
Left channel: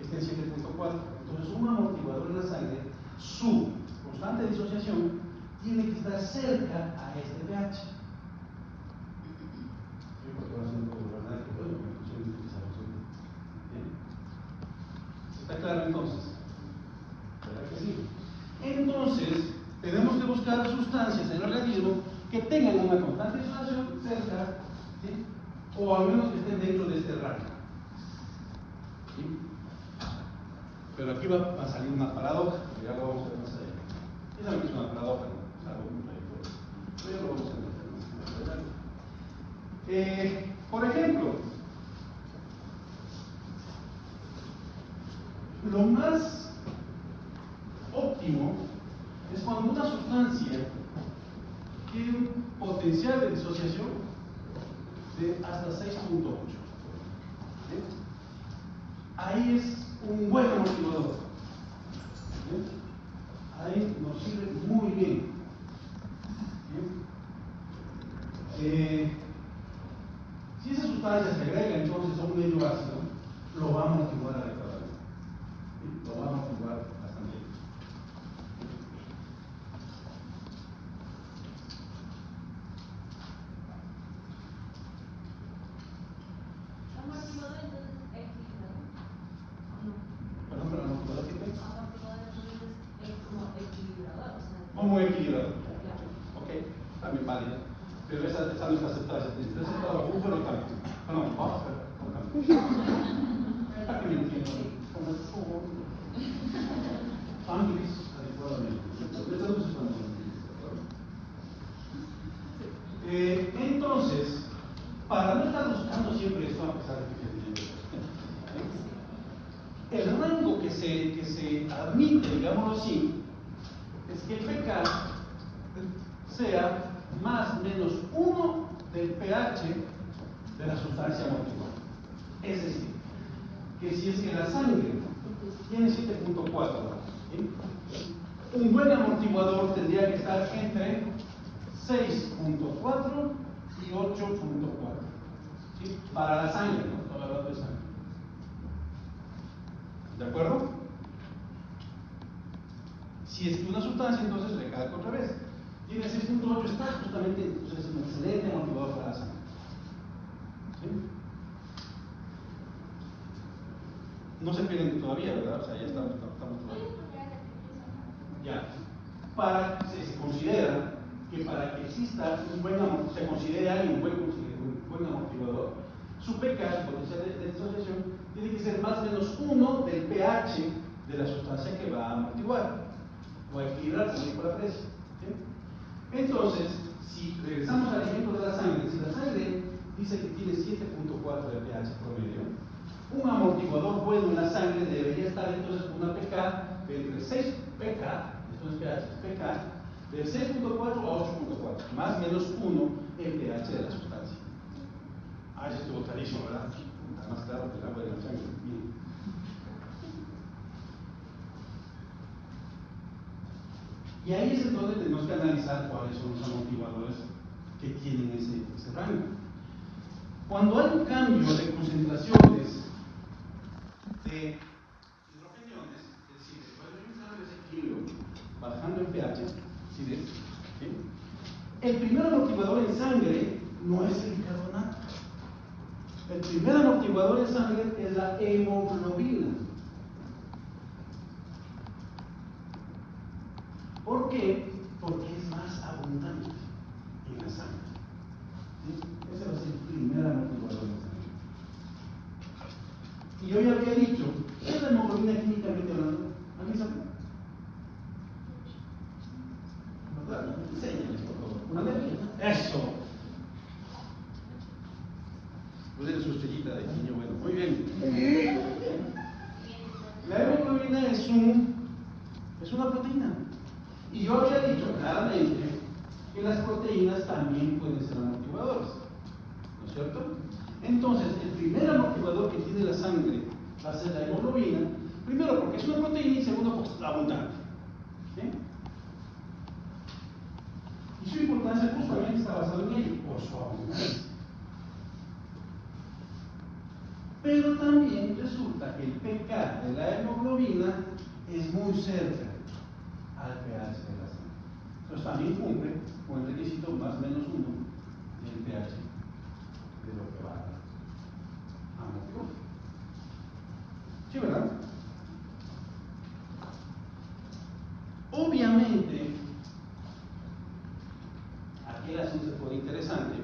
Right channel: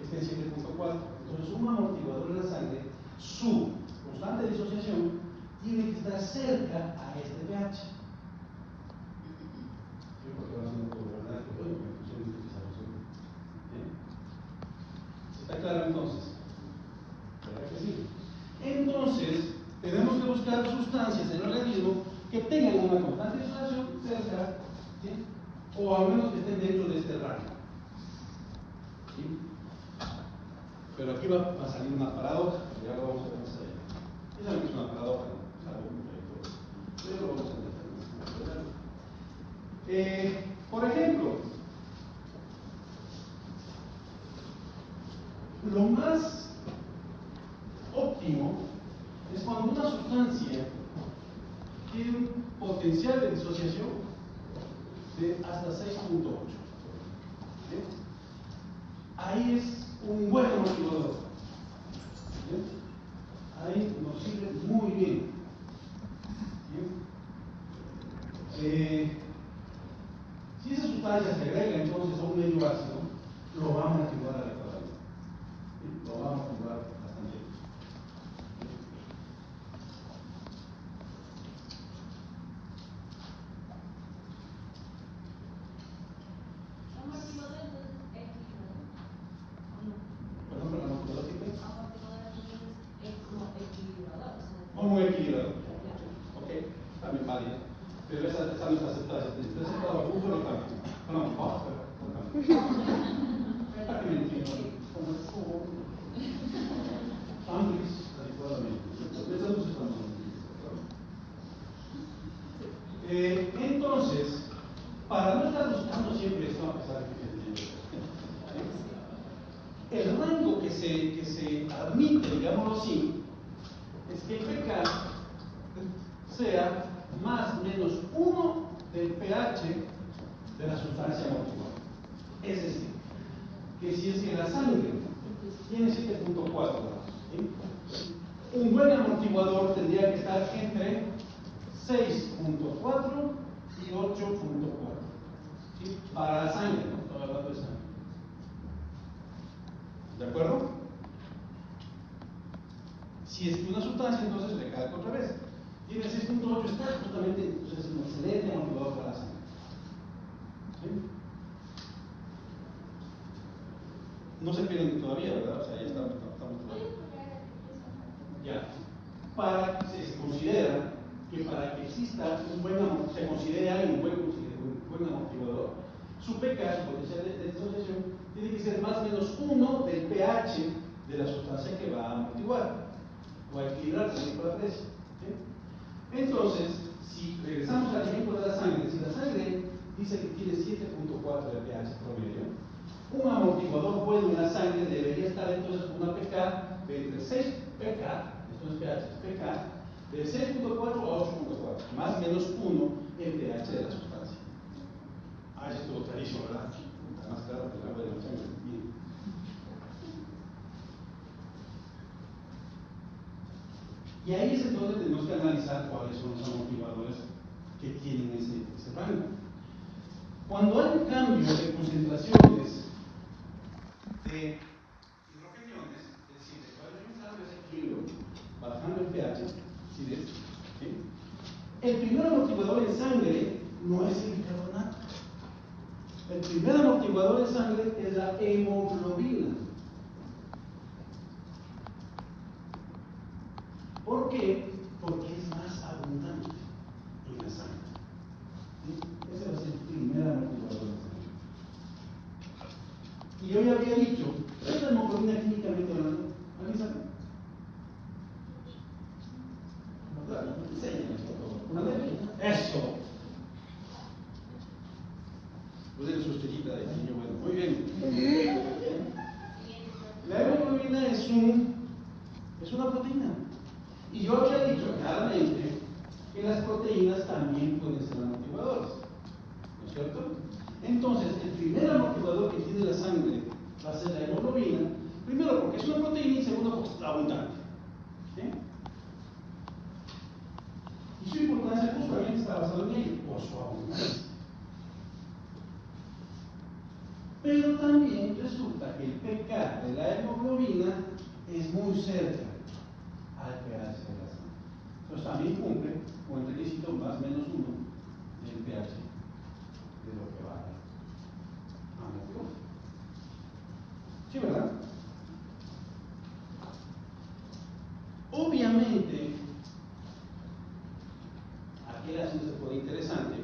está en 7.4, entonces un amortiguador en la sangre, su constante de disociación tiene que estar cerca a este pH. ¿Está claro entonces? ¿Verdad que sí? Entonces, tenemos que buscar sustancias en el organismo que tengan una constante de disociación cerca, ¿sí? O al menos que estén dentro de este rango. ¿Sí? Pero aquí va a salir una paradoja, que ya lo vamos a ver más allá. Ya saben que es una paradoja, ¿no? Es algo contradictorio. Pero ya lo vamos a ver. Por ejemplo, lo más óptimo es cuando una sustancia tiene un potencial de disociación de hasta 6.8. ¿Sí? Ahí es un buen amortiguador. ¿Sí? Ahí nos sirve muy bien. ¿Sí? Si esa sustancia se agrega entonces a un medio ácido, lo va a amortiguar adecuadamente. ¿Sí? Lo va a amortiguar bastante bien. Perdón, pero amortiguador qué es? Como equilibrador. Ok, también válido. Pero esa no está aceptada. Si está aceptada bajo buffer o cambio. Perdón, buffer o cambio. ¿Para qué me entiendo? que se admite, digámoslo así, es que el pK sea más o menos 1 del pH de la sustancia amortiguada. Es decir, que si es que la sangre tiene 7.4, ¿sí? Un buen amortiguador tendría que estar entre 6.4 y 8.4, ¿sí? Para la sangre, ¿no? Estoy hablando de sangre. ¿De acuerdo? Si es que una sustancia, entonces recalco otra vez, tiene 6.8, está justamente, entonces es un excelente amortiguador para la sangre. ¿Sí? No se pierden todavía, ¿verdad? O sea, ya estamos todavía. Ya. Se considera que para que exista un buen amortiguador, se considere alguien un buen amortiguador, su pK, su potencial de disociación, tiene que ser más o menos 1 del pH de la sustancia que va a amortiguar o a equilibrar también por la presión. ¿Sí? Entonces, si regresamos al ejemplo de la sangre, si la sangre dice que tiene 7.4 de pH promedio, un amortiguador bueno en la sangre debería estar entonces con una pK de entre 6 pK, entonces pK, de 6.4 a 8.4, más o menos 1 el pH de la sustancia. Ah, ya estuvo clarísimo, ¿verdad? Está más claro que el agua de la sangre. Bien. Y ahí es donde tenemos que analizar cuáles son los amortiguadores que tienen ese rango. Cuando hay un cambio de concentraciones de hidrogeniones, es decir, cuando hay un cambio de desequilibrio bajando el pH, ¿sí ves? ¿Sí? El primer amortiguador en sangre no es el bicarbonato. El primer amortiguador en sangre es la hemoglobina. ¿Por qué? Porque es más abundante en la sangre. ¿Sí? Ese va a ser el primer amortiguador en sangre. Y yo ya había dicho, ¿qué es la hemoglobina químicamente hablando? ¿Alguien sabe? ¿Verdad? Enséñame, por favor. Eso. Pues eres su estrellita de niño bueno. Muy bien. La hemoglobina es una proteína. Y yo había dicho claramente que las proteínas también pueden ser amortiguadores. ¿No es cierto? Entonces, el primer amortiguador que tiene la sangre va a ser la hemoglobina. Primero porque es una proteína y segundo porque es abundante. ¿Sí? Y su importancia justamente está basada en ello, por su abundancia. Pero también resulta que el pK de la hemoglobina es muy cerca al pH de la sangre. Entonces también cumple con el requisito más o menos 1 del pH de lo que va a amortiguar. ¿Sí, verdad? Obviamente, aquí el asunto se pone interesante,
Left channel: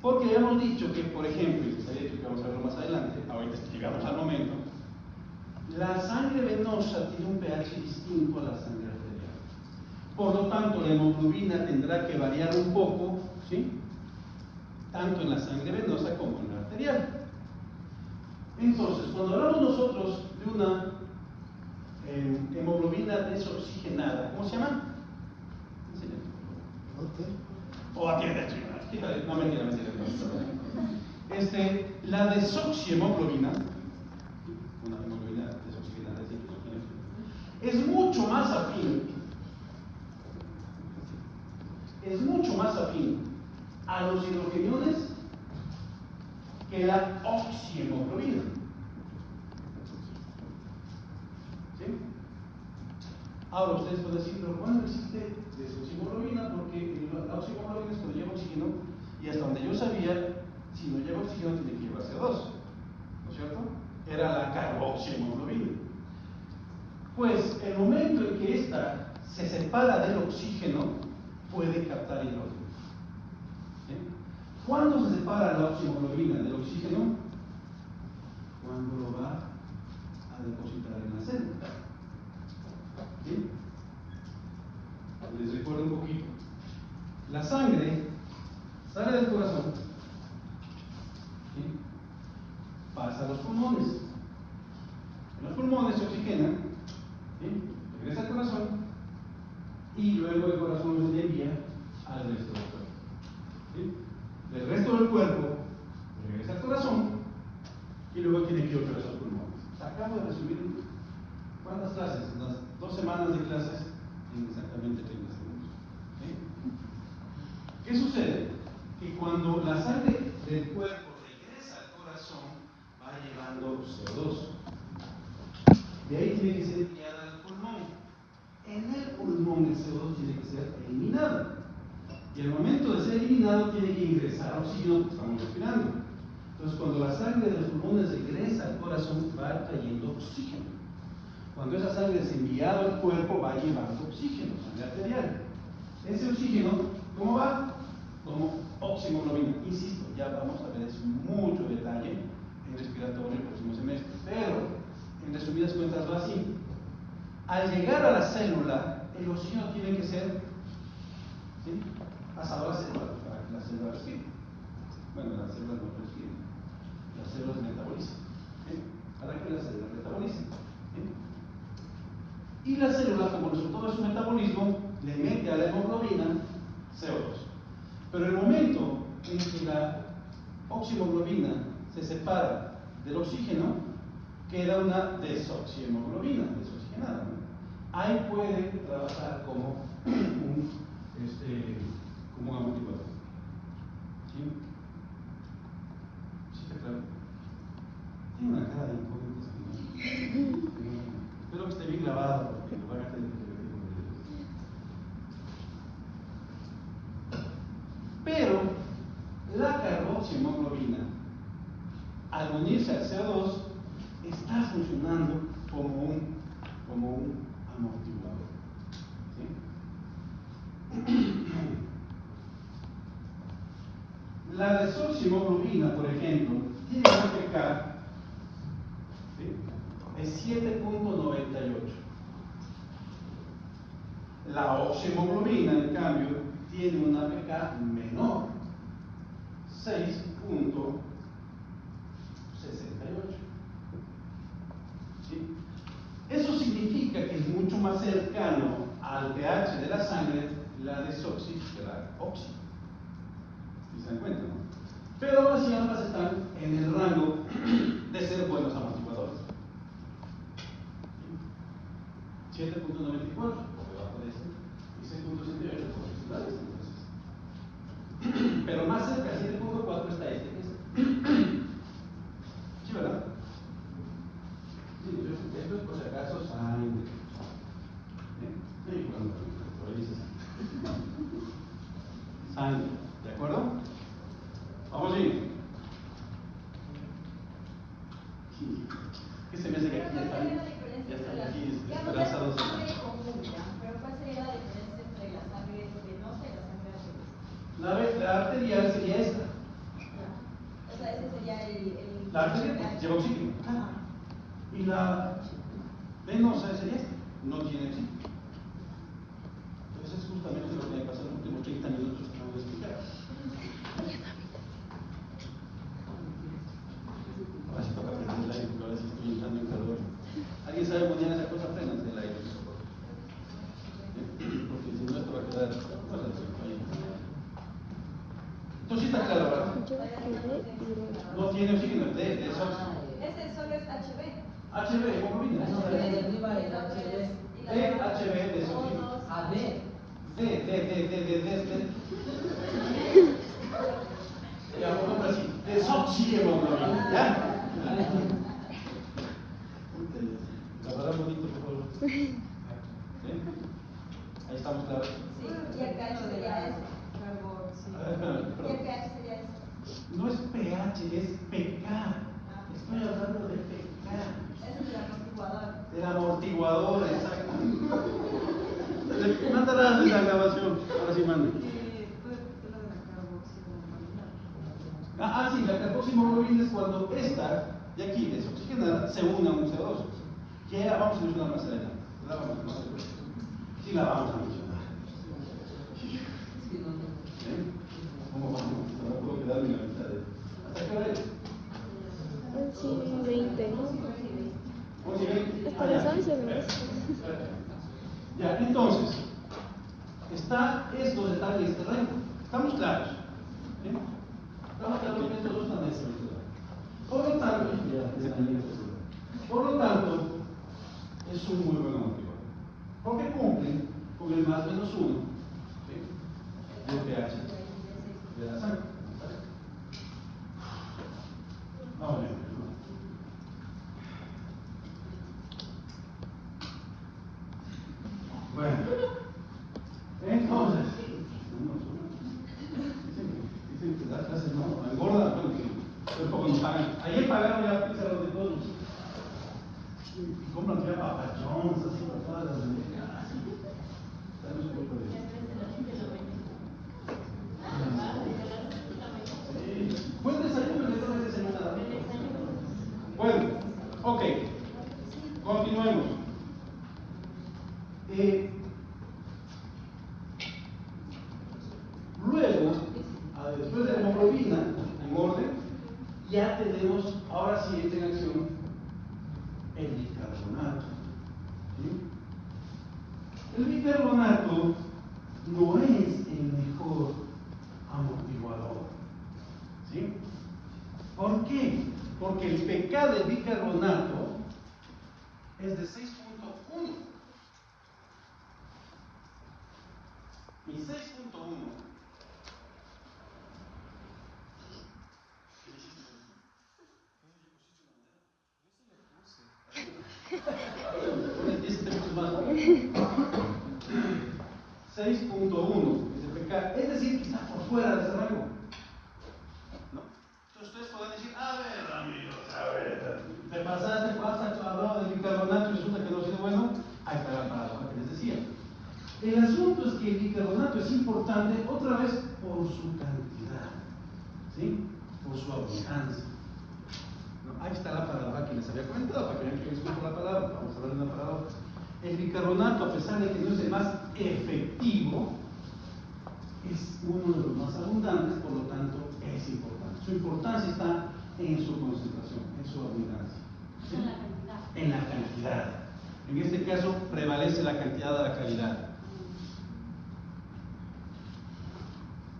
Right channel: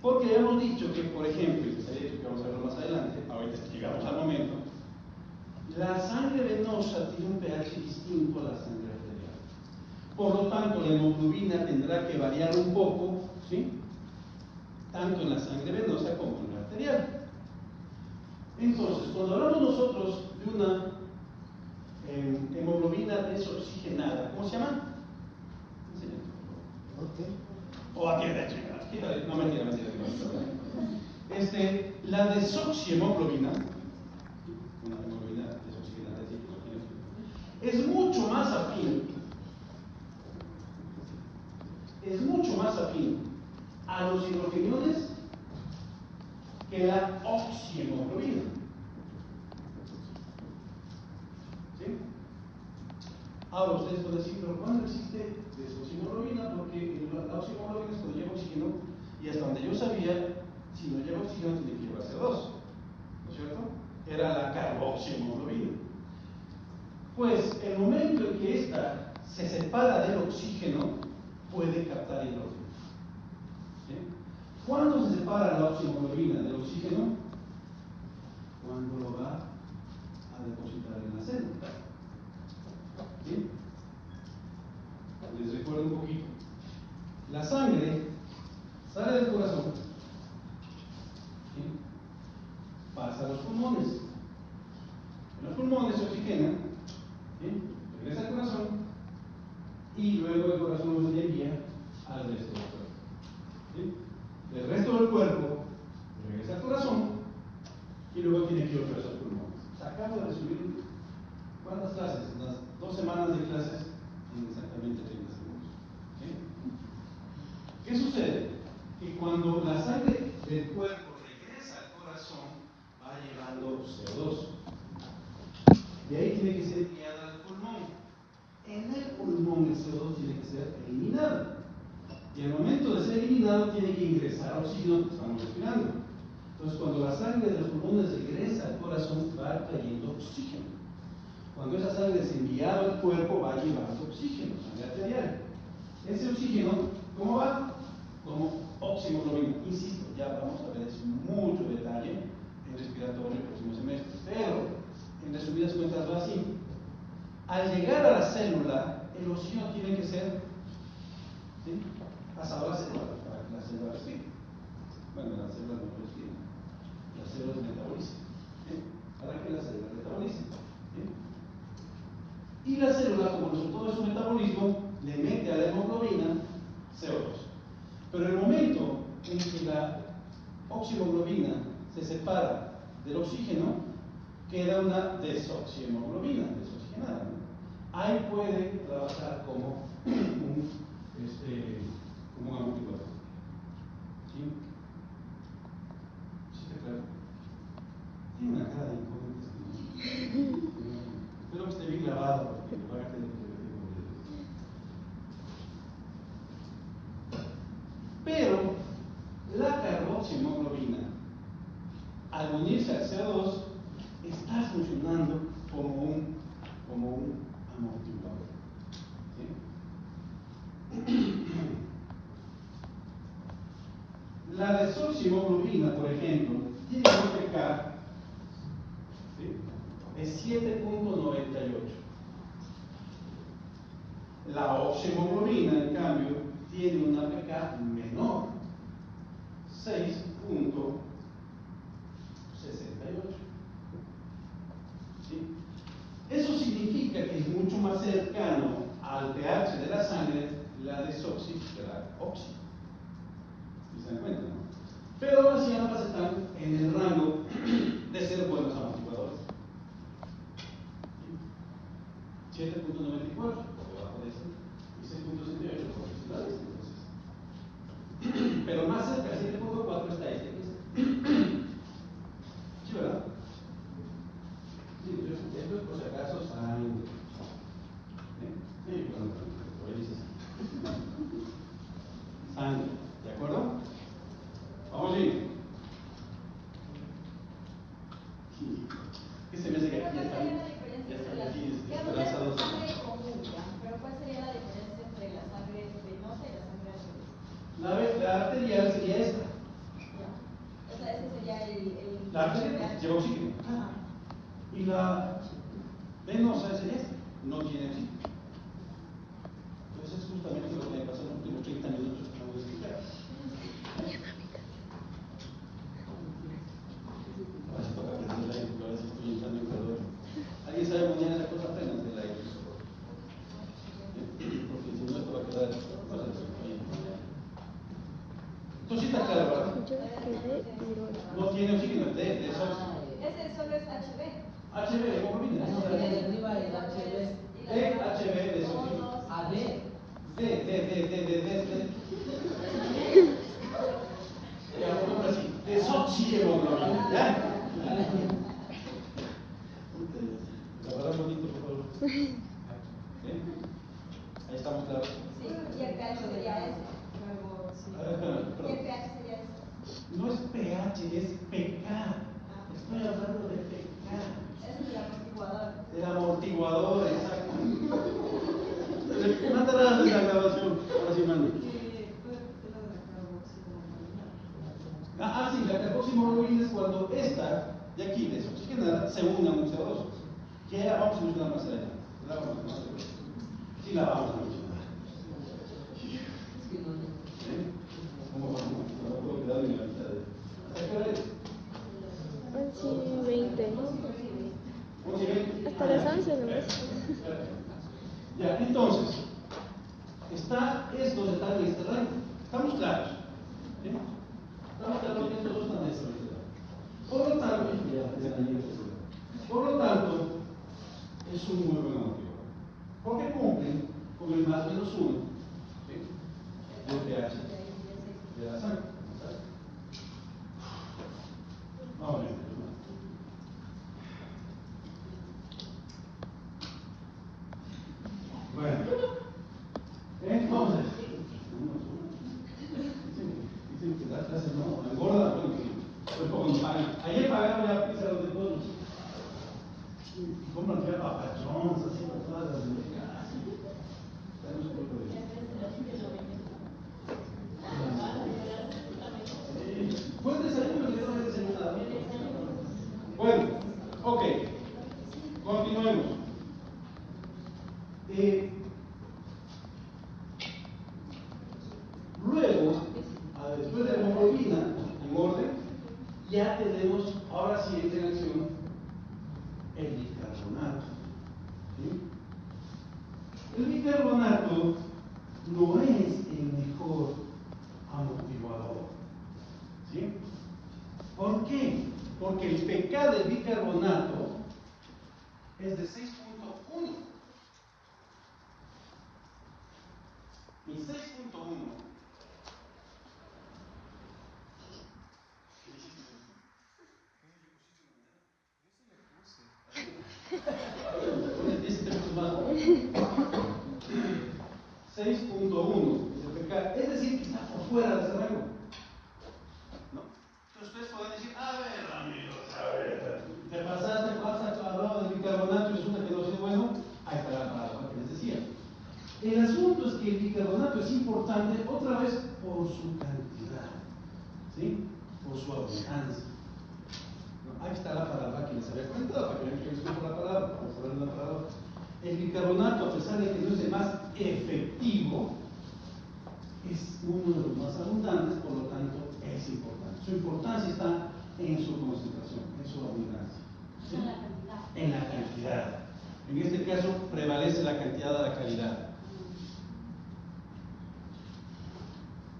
porque habíamos dicho que, por ejemplo, y les había dicho que vamos a verlo más adelante, ahorita llegamos al momento, la sangre venosa tiene un pH distinto a la sangre arterial. Por lo tanto, la hemoglobina tendrá que variar un poco, ¿sí? Tanto en la sangre venosa como en la arterial. Entonces, cuando hablamos nosotros de una hemoglobina desoxigenada, ¿cómo se llama? O atiende, quítale, no mentira. La desoxihemoglobina, una hemoglobina desoxigenada, es mucho más afín a los hidrogeniones que la oxihemoglobina. ¿Sí? Ahora ustedes pueden decir, pero ¿cuándo existe desoxihemoglobina? Porque la oxihemoglobina es cuando lleva oxígeno, y hasta donde yo sabía, si no lleva oxígeno tiene que llevar CO2, ¿no es cierto? Era la carboxihemoglobina. Pues el momento en que ésta se separa del oxígeno, puede captar hidrógeno. ¿Sí? ¿Cuándo se separa la oxihemoglobina del oxígeno? Cuando lo va a depositar en la célula. ¿Sí? Les recuerdo un poquito. La sangre sale del corazón, ¿sí? Pasa a los pulmones. En los desoxigena, ¿sí? Regresa al corazón y luego el corazón lo envía al resto del cuerpo. ¿Sí? El resto del cuerpo regresa al corazón y luego tiene que ir otra vez al pulmón. Acabo de resumir cuántas clases, las 2 semanas de clases en exactamente 30 segundos. ¿Sí? ¿Qué sucede? Que cuando la sangre del cuerpo regresa al corazón, va llevando CO2. De ahí tiene que ser enviada al pulmón. En el pulmón el CO2 tiene que ser eliminado. Y al momento de ser eliminado tiene que ingresar oxígeno, que estamos respirando. Entonces, cuando la sangre de los pulmones regresa al corazón, va trayendo oxígeno. Cuando esa sangre es enviada al cuerpo, va llevando oxígeno, sangre arterial. Ese oxígeno, ¿cómo va? Como oximoglobina. Insisto, ya vamos a ver eso en mucho detalle en respiratorio el próximo semestre. Pero, en resumidas cuentas, va así. Al llegar a la célula, el oxígeno tiene que ser, ¿sí?, pasado a la célula para que la célula respire. Bueno, las células no respiran, las células metabolizan, ¿sí?, para que las células metabolicen, ¿sí? Y la célula, como resultado de su metabolismo, le mete a la hemoglobina CO2. Pero el momento en que la oximoglobina se separa del oxígeno, queda una desoxihemoglobina, desoxigenada, ¿no? Ahí puede trabajar como un amortiguador. ¿Sí? ¿Sí está claro? Tiene una cara de imponente. Espero que esté bien grabado, porque lo van a tener que repetir con videos. Pero la carboxihemoglobina, al unirse al CO2, está funcionando como un amortiguador. ¿Sí? La desoxihemoglobina, por ejemplo, tiene un pK, ¿sí?, de 7.98. La oxihemoglobina, en cambio, tiene una pK menor, 6.68. ¿Sí? Eso significa que es mucho más cercano al pH de la sangre la desoxi que la oxi. ¿Sí se dan cuenta, no? Pero aún así ambas están en el rango de ser buenos amortiguadores. 7.94 por debajo de este y 6.68 por encima de este. Pero más cerca del 7.4 está este. ¿Sí, verdad? Sí, esto es por si acaso sangre. Sangre, ¿de acuerdo? Vamos bien. ¿Qué se me hace que aquí ya están aquí esperanzados? Pero ¿cuál sería la diferencia entre la sangre venosa y la sangre arterial? La arterial sería esta. O sea, ese sería el La arterial pues, lleva oxígeno. Y la venosa sería esta. No tiene oxígeno. Entonces es justamente lo que me pasó en los últimos 30 minutos que acabo de explicar. Ahora sí toca prender el aire, porque ahora sí estoy entrando en calor. ¿Alguien sabe mañana esa cosa? Prendan el aire. Porque si no, esto va a quedar cosas ahí. Entonces sí está claro, ¿verdad? No tiene oxígeno, de eso. Ese solo es HB. HB, hemoglobina. HB de oxígeno. Ya, vamos así. Desoxihemoglobina, ¿ya? La palabra bonito, por favor. ¿Sí? Ahí estamos claros. Sí, y el pH sería ese. ¿Y el pH sería ese? No es pH, es pK. Estoy hablando de pK. Ese es el amortiguador. El amortiguador, exacto. Mándalas de la grabación. Ahora sí manda. Sí, la carboxihemoglobina es cuando esta de aquí, desoxigenada, se une a un CO2. Que ya vamos a mencionar más adelante. La vamos a mencionar. Sí, la vamos a mencionar. ¿Cómo vamos? No puedo quedarme en la mitad de. ¿Hasta qué hora es? 11:20. 11:20. Interesante, ¿no? Ya, entonces, estos están en este rango. ¿Estamos claros? ¿Sí? Estamos claros que estos dos están en este rango. Por lo tanto, es un muy buen motivador. Porque cumplen con el más menos uno, ¿sí?, del pH de la sangre. Vamos a ver. Bueno, entonces, dicen que la clase no engorda, bueno, que un poco nos pagan. Ayer pagaron ya pizza de todos. Y compran ya papachones, así para todas las muñecas. Buen desayuno, que no desayuno nada. Bueno, ok, continuemos. Luego, después de la hemoglobina, en orden, ya tenemos, ahora sí entra en acción el bicarbonato. ¿Sí? El bicarbonato no es el mejor amortiguador. ¿Sí? ¿Por qué? Porque el pK del bicarbonato es de 6.1. Mi 6.1 6.1 es el pK, es decir, que está por fuera de ese rango. ¿No? Entonces ustedes podrán decir, a ver, amigos, te pasaste, has hablado del bicarbonato y resulta que no es bueno. Ahí está la palabra que les decía. El asunto es que el bicarbonato es importante otra vez por su cantidad, ¿sí?, por su abundancia. ¿No? Ahí está la palabra que les había comentado, para que vean que es una palabra. Vamos a ver una palabra. El bicarbonato, a pesar de que no es el más efectivo, es uno de los más abundantes, por lo tanto es importante. Su importancia está en su concentración, en su abundancia, ¿sí?, en la cantidad. En este caso prevalece la cantidad de la calidad.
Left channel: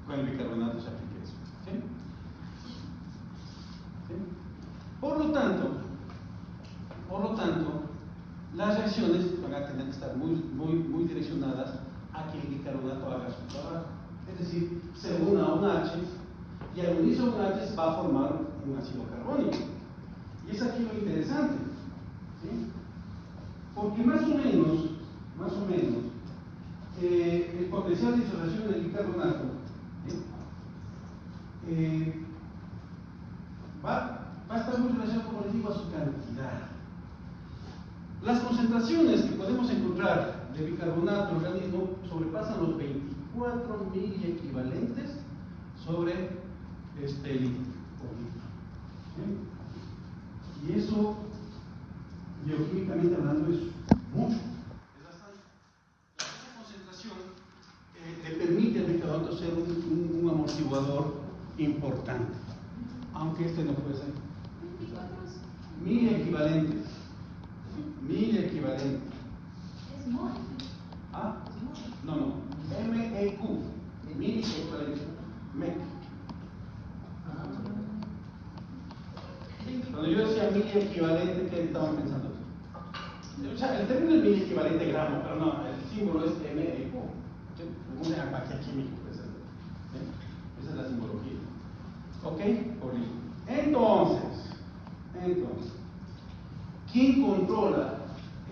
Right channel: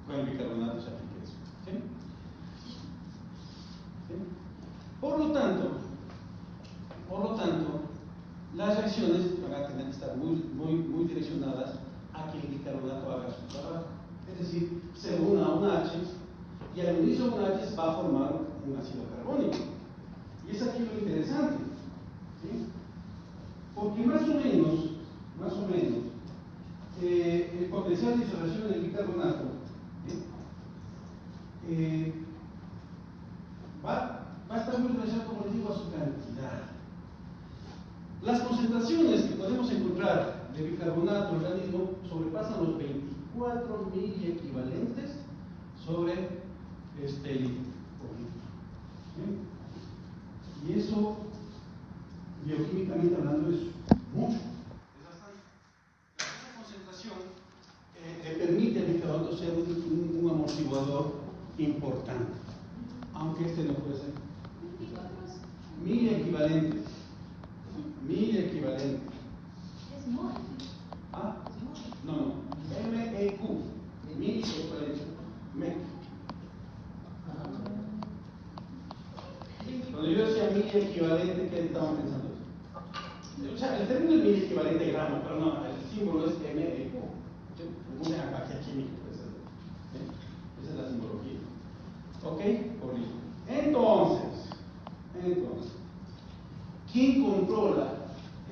Con el bicarbonato se aplica eso. ¿Sí? ¿Sí? Por lo tanto, las reacciones van a tener que estar muy direccionadas a que el bicarbonato haga su trabajo. Es decir, se una a un H y al unirse a un H va a formar un ácido carbónico. Y es aquí lo interesante, ¿sí? Porque más o menos, el potencial de disociación del bicarbonato, ¿sí?, va a estar muy relacionado, como les digo, a su cantidad. Las concentraciones que podemos encontrar de bicarbonato en el organismo sobrepasan los 24 miliequivalentes sobre litro por litro. ¿Sí? Y eso, bioquímicamente hablando, es mucho. Es bastante. Esa concentración le permite al bicarbonato ser un amortiguador importante, aunque este no puede ser. Miliequivalentes. Es mol. ¿Ah? No. MEQ. Miliequivalente. MEQ. Cuando yo decía miliequivalente, ¿qué estaban pensando? O sea, el término es miliequivalente gramo, pero no, el símbolo es MEQ. Un empaque químico, pues. ¿Sí? Esa es la simbología. ¿Ok? Por litro. Entonces, ¿quién controla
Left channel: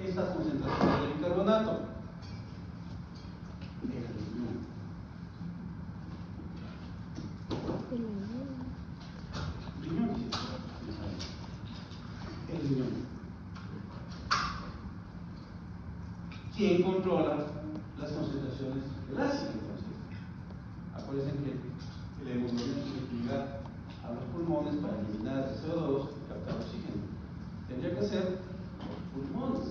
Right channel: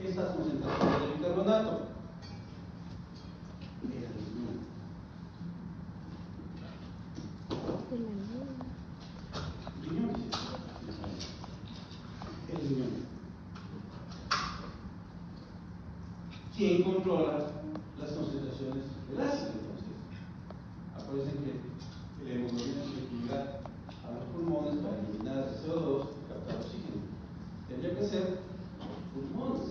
estas concentraciones de bicarbonato? El riñón. El riñón. ¿Quién controla las concentraciones del ácido? Entonces, acuérdense que la hemoglobina tiene que llegar a los pulmones para eliminar el CO2 y captar oxígeno. Tendría que ser los pulmones.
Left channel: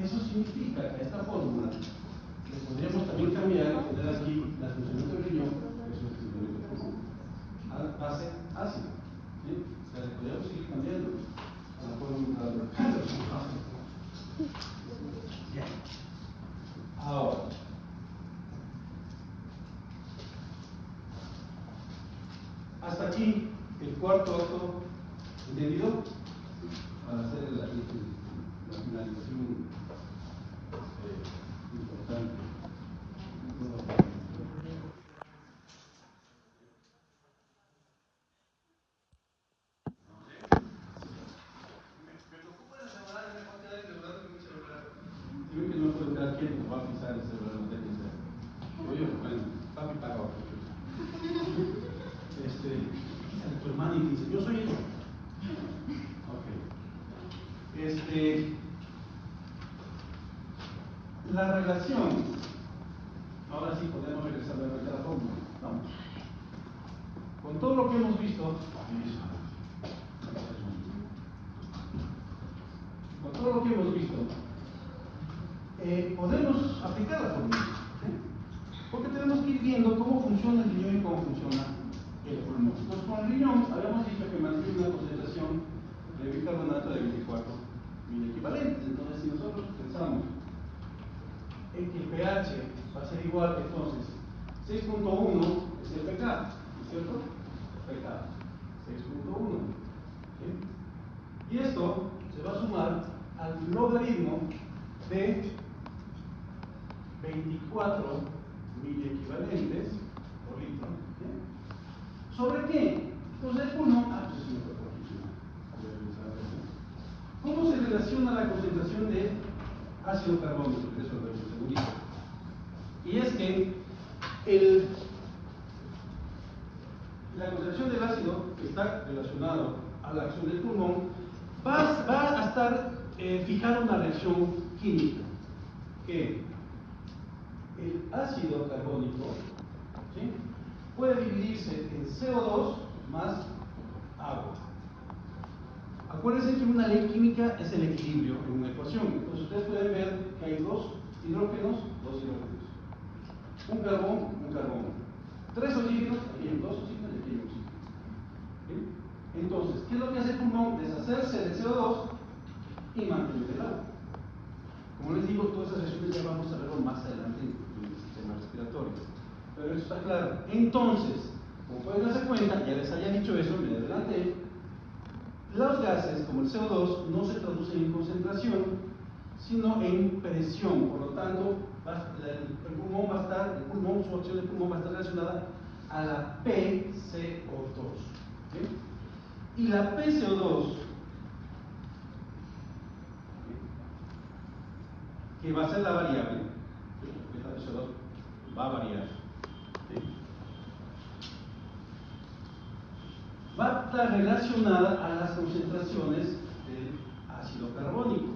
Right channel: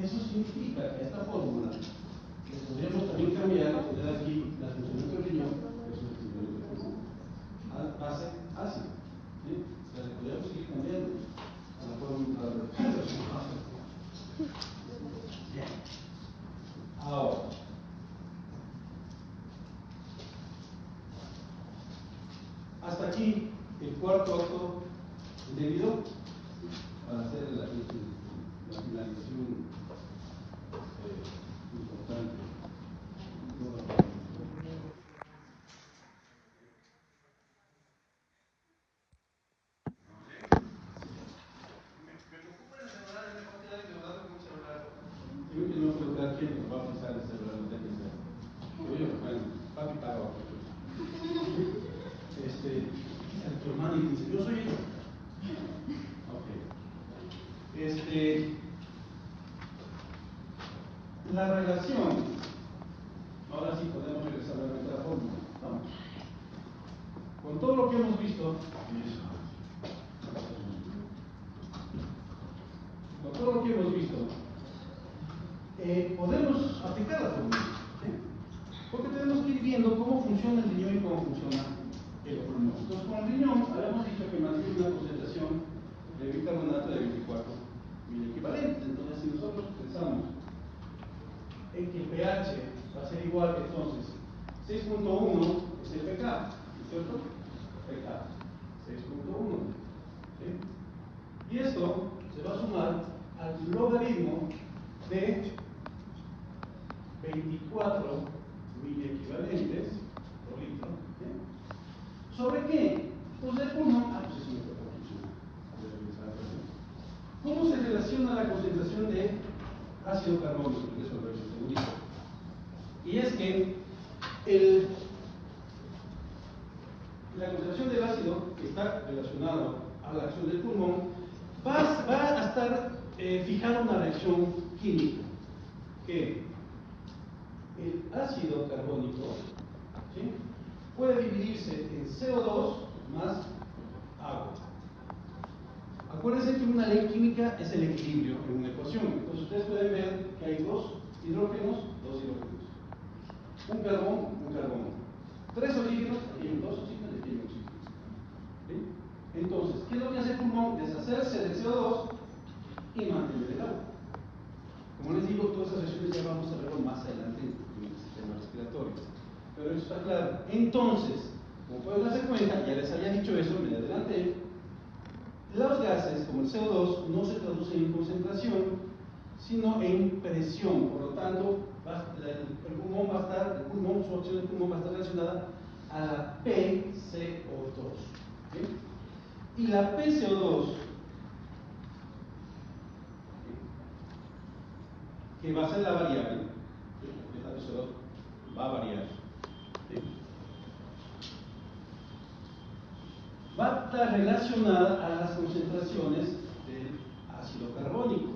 Eso significa que a esta fórmula le podríamos también cambiar y poner aquí Hasta aquí el cuarto acto, ¿entendido? Para hacer la finalización importante. Creo que no puede dar tiempo para pensar en ese verdadero que oye, bueno, papi para abajo. Tu hermano y dice, yo soy ella. Ok. La relación, ahora sí podemos regresar a la fórmula. Vamos. Con todo lo que hemos visto, podemos aplicar la fórmula. Porque tenemos que ir viendo cómo funciona el riñón y cómo funciona el pulmón. Entonces, con el riñón habíamos dicho que mantiene una concentración de bicarbonato de 24 miliequivalentes. Entonces, si nosotros pensamos en que el pH va a ser igual, entonces 6.1 es el pK, ¿no es cierto? pK 6.1. ¿Sí? Y esto se va a sumar al logaritmo de 24 miliequivalentes por litro. ¿Sí? ¿Sobre qué? Pues el pulmón. ¿Cómo se relaciona la concentración de ácido carbónico? Eso lo vemos un segundito. Y es que la concentración del ácido que está relacionado a la acción del pulmón va a estar fijando una reacción química que el ácido carbónico, ¿sí?, puede dividirse en CO2 más agua. Acuérdense que una ley química es el equilibrio en una ecuación. Entonces ustedes pueden ver que hay dos hidrógenos. Un carbón. Tres oxígenos, aquí hay dos oxígenos y aquí hay oxígeno. ¿Sí? Entonces, ¿qué es lo que hace el pulmón? Deshacerse del CO2 y mantener el agua. Como les digo, todas esas reacciones ya vamos a verlo más adelante en el sistema respiratorio. Pero eso está claro. Entonces, como pueden darse cuenta, ya les había dicho eso, me adelanté, los gases, como el CO2, no se traducen en concentración, sino en presión. Por lo tanto, el pulmón, su acción de pulmón va a estar relacionada a la PCO2. ¿Sí? Y la PCO2, que va a ser la variable, la PCO2 va a variar. ¿Sí? Va a estar relacionada a las concentraciones del ácido carbónico.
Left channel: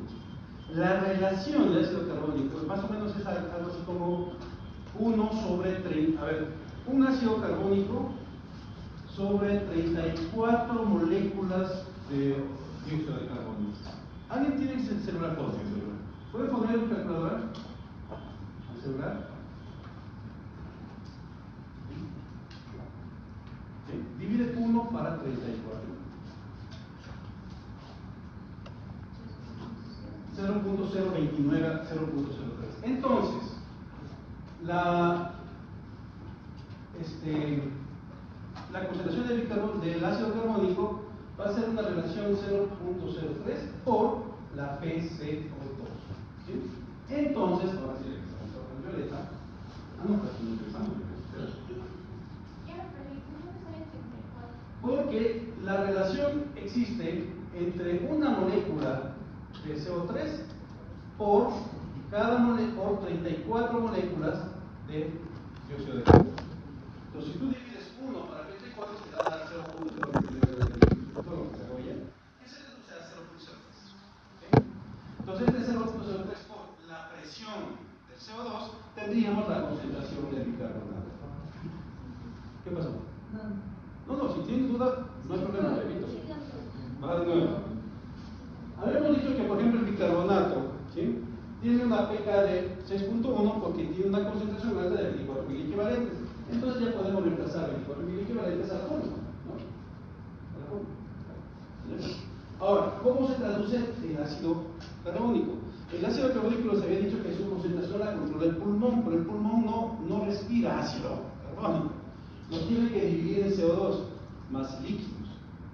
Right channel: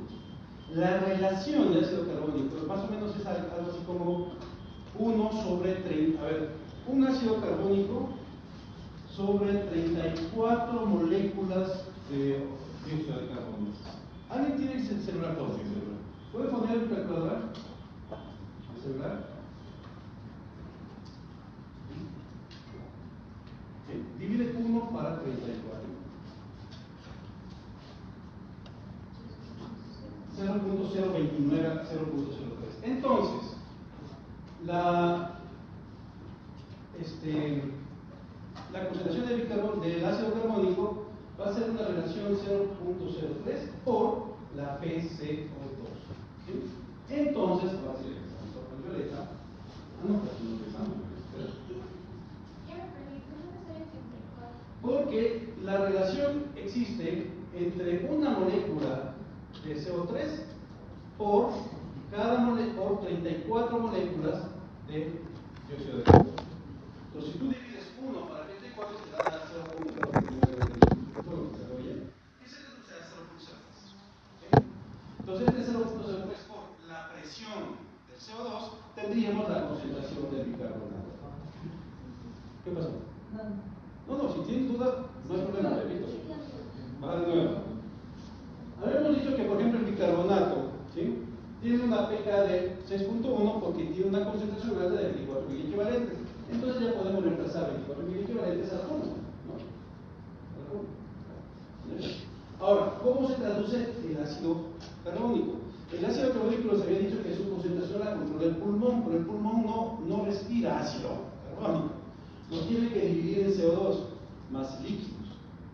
La relación de ácido carbónico más o menos es algo así como 1 sobre 30. A ver, un ácido carbónico sobre 34 moléculas de dióxido de carbono. ¿Alguien tiene el celular por ahí? ¿Puede poner un calculador? ¿El celular? Sí. Divide 1 para 34. 0.029 a 0.03. Entonces, la concentración del ácido carbónico va a ser una relación 0.03 por la PCO2. ¿Sí? Entonces, ahora sí, la violeta. No, aquí no empezamos. Porque la relación existe entre una molécula de CO3 por 34 moléculas de dióxido de carbono. Entonces, si tú divides 1 para 34, te da 0.003. Ese será 0.03. Entonces, este 0.03 por la presión del CO2, tendríamos la concentración de bicarbonato. ¿Qué pasó? No, si tienen duda, no hay problema, repito. Va de nuevo. Habíamos dicho que, por ejemplo, el bicarbonato, ¿sí?, tiene una pK de 6.1 porque tiene una concentración alta de 24 miliequivalentes. Entonces ya podemos reemplazar 24 miliequivalentes al fondo, ¿no? Ahora, ¿cómo se traduce el ácido carbónico? El ácido carbónico les había dicho que su concentración la controla el pulmón, pero el pulmón no respira ácido carbónico. Lo tiene que dividir en CO2. más líquidos.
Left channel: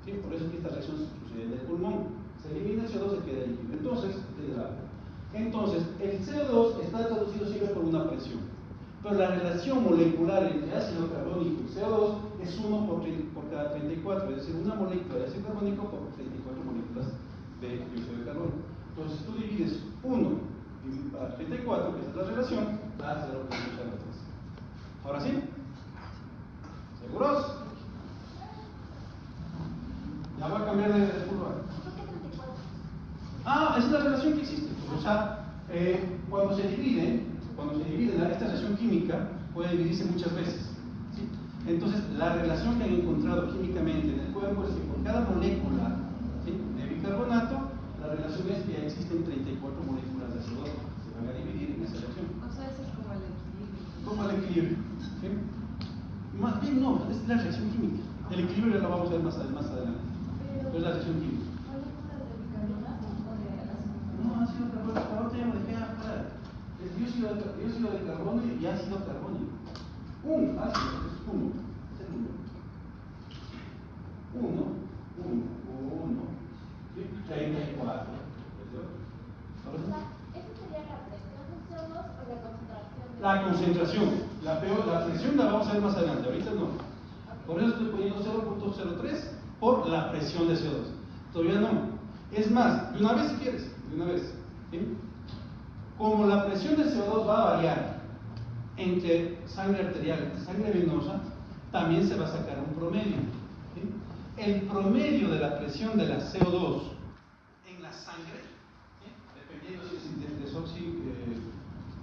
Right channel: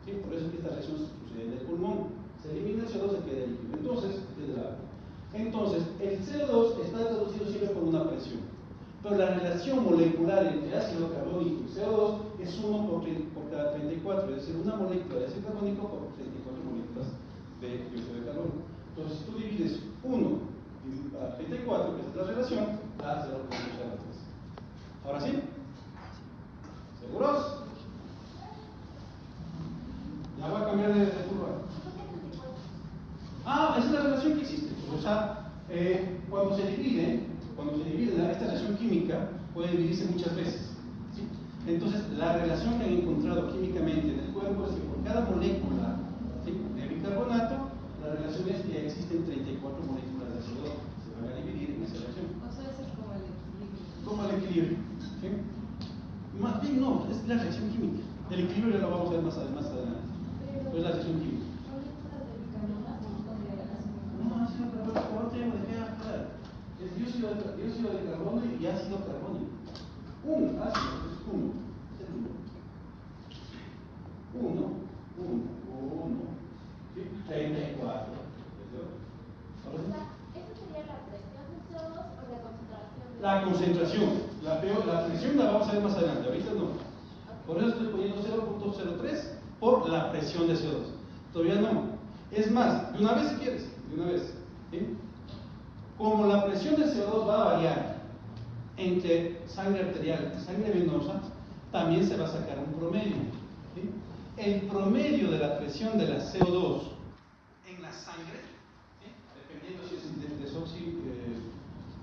¿Sí? Por eso es que esta reacción sucede en el pulmón. Se elimina el CO2, se queda el líquido. Entonces, el CO2 está traducido siempre por una presión. Pero la relación molecular entre ácido carbónico y CO2 es 1 por cada 34, es decir, una molécula de ácido carbónico por 34 moléculas de dióxido de carbono. Entonces, si tú divides 1 para 34, que es la relación, da 0.03. ¿Ahora sí? ¿Seguros? Ya voy a cambiar de curva. Esa es la relación que existe. O sea, cuando se divide esta reacción química puede dividirse muchas veces. ¿Sí? Entonces, la relación que han encontrado químicamente en el cuerpo es que por cada molécula, ¿sí?, de bicarbonato, la relación es que existen 34 moléculas de CO2 que se van a dividir en esa reacción. O sea, eso es como el equilibrio. Como el equilibrio. ¿Sí? Más bien no, es la reacción química. El equilibrio ya lo vamos a ver más adelante. Pero es la reacción química. No, ácido carbónico, ya me dejé afuera. Es dióxido de carbono y ácido carbónico. Un ácido es uno. Es el número. Uno. ¿Sí? 34. ¿Esa sería la presión de CO2 o la concentración? La concentración. La presión la vamos a ver más adelante, ahorita no. Por eso estoy poniendo 0.03 por la presión de CO2. Todavía no. Es más, de una vez si quieres, de una vez. ¿Sí? Como la presión de CO2 va a variar entre sangre arterial y sangre venosa, también se va a sacar un promedio. ¿Sí? El promedio de la presión de la CO2 en la sangre, ¿sí?, dependiendo si es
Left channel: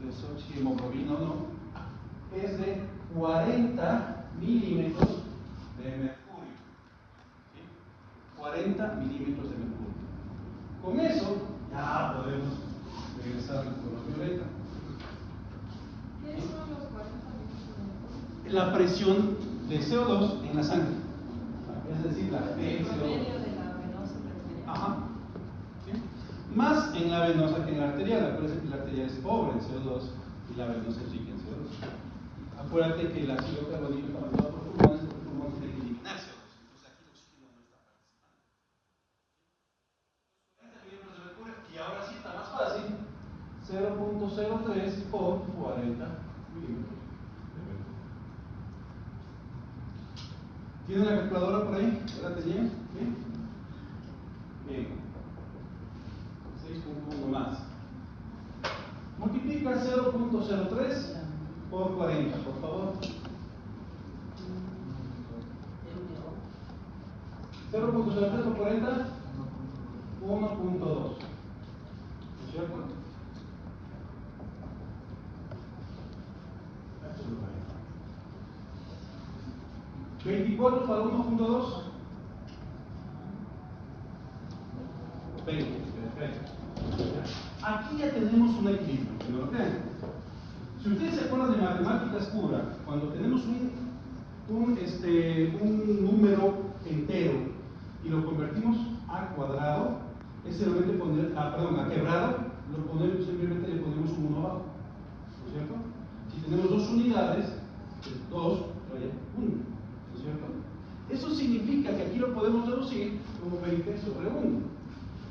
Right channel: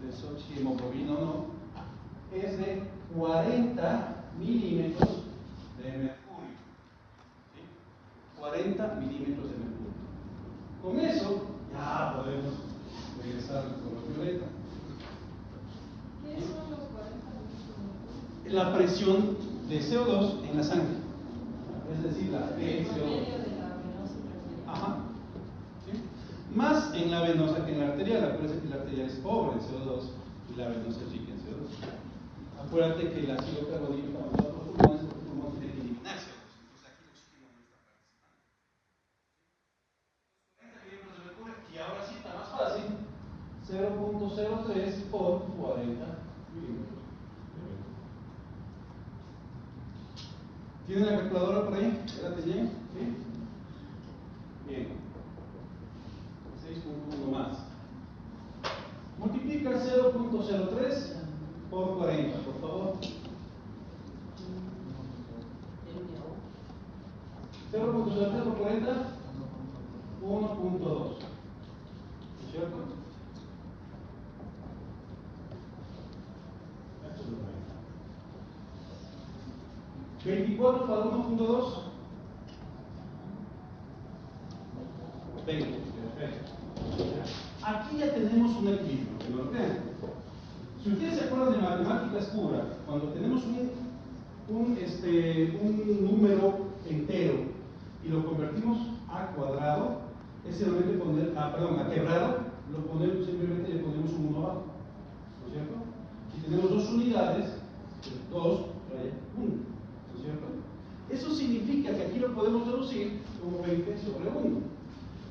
desoxihemoglobina o no, es de 40 milímetros de mercurio. ¿Sí? 40 milímetros de mercurio. Con eso ya podemos regresar al ultravioleta. ¿Qué son los 40 minutos? La presión de CO2 en la sangre, es decir, la El promedio PSO2. de la venosa y arterial. Ajá. ¿Sí? Más en la venosa que en la arterial. Acuérdense que la arterial es pobre en CO2 y la venosa es rica en CO2. Acuérdate que el ácido carbónico está mandado por pulmones porque los pulmones quieren eliminar CO2. Entonces aquí el oxígeno no está participando. Y ahora sí está más fácil. 0.03 por 40 milímetros. ¿Tienen la calculadora por ahí? ¿Verdad? ¿Bien? Bien. 6.1 más. Multiplica 0.03 por 40, por favor. 0.03 por 40, 1.2. ¿No es cierto? 24 para 1.2. 20. Perfecto. Aquí ya tenemos un equilibrio. ¿Me lo creen? Si ustedes se acuerdan de matemáticas puras, cuando tenemos un número entero y lo convertimos a cuadrado, es simplemente poner, a quebrado, simplemente le ponemos un 1 abajo. ¿No es cierto? Si tenemos dos unidades, es 2 trae 1. ¿No es cierto? Eso significa que aquí lo podemos reducir como 20 sobre 1.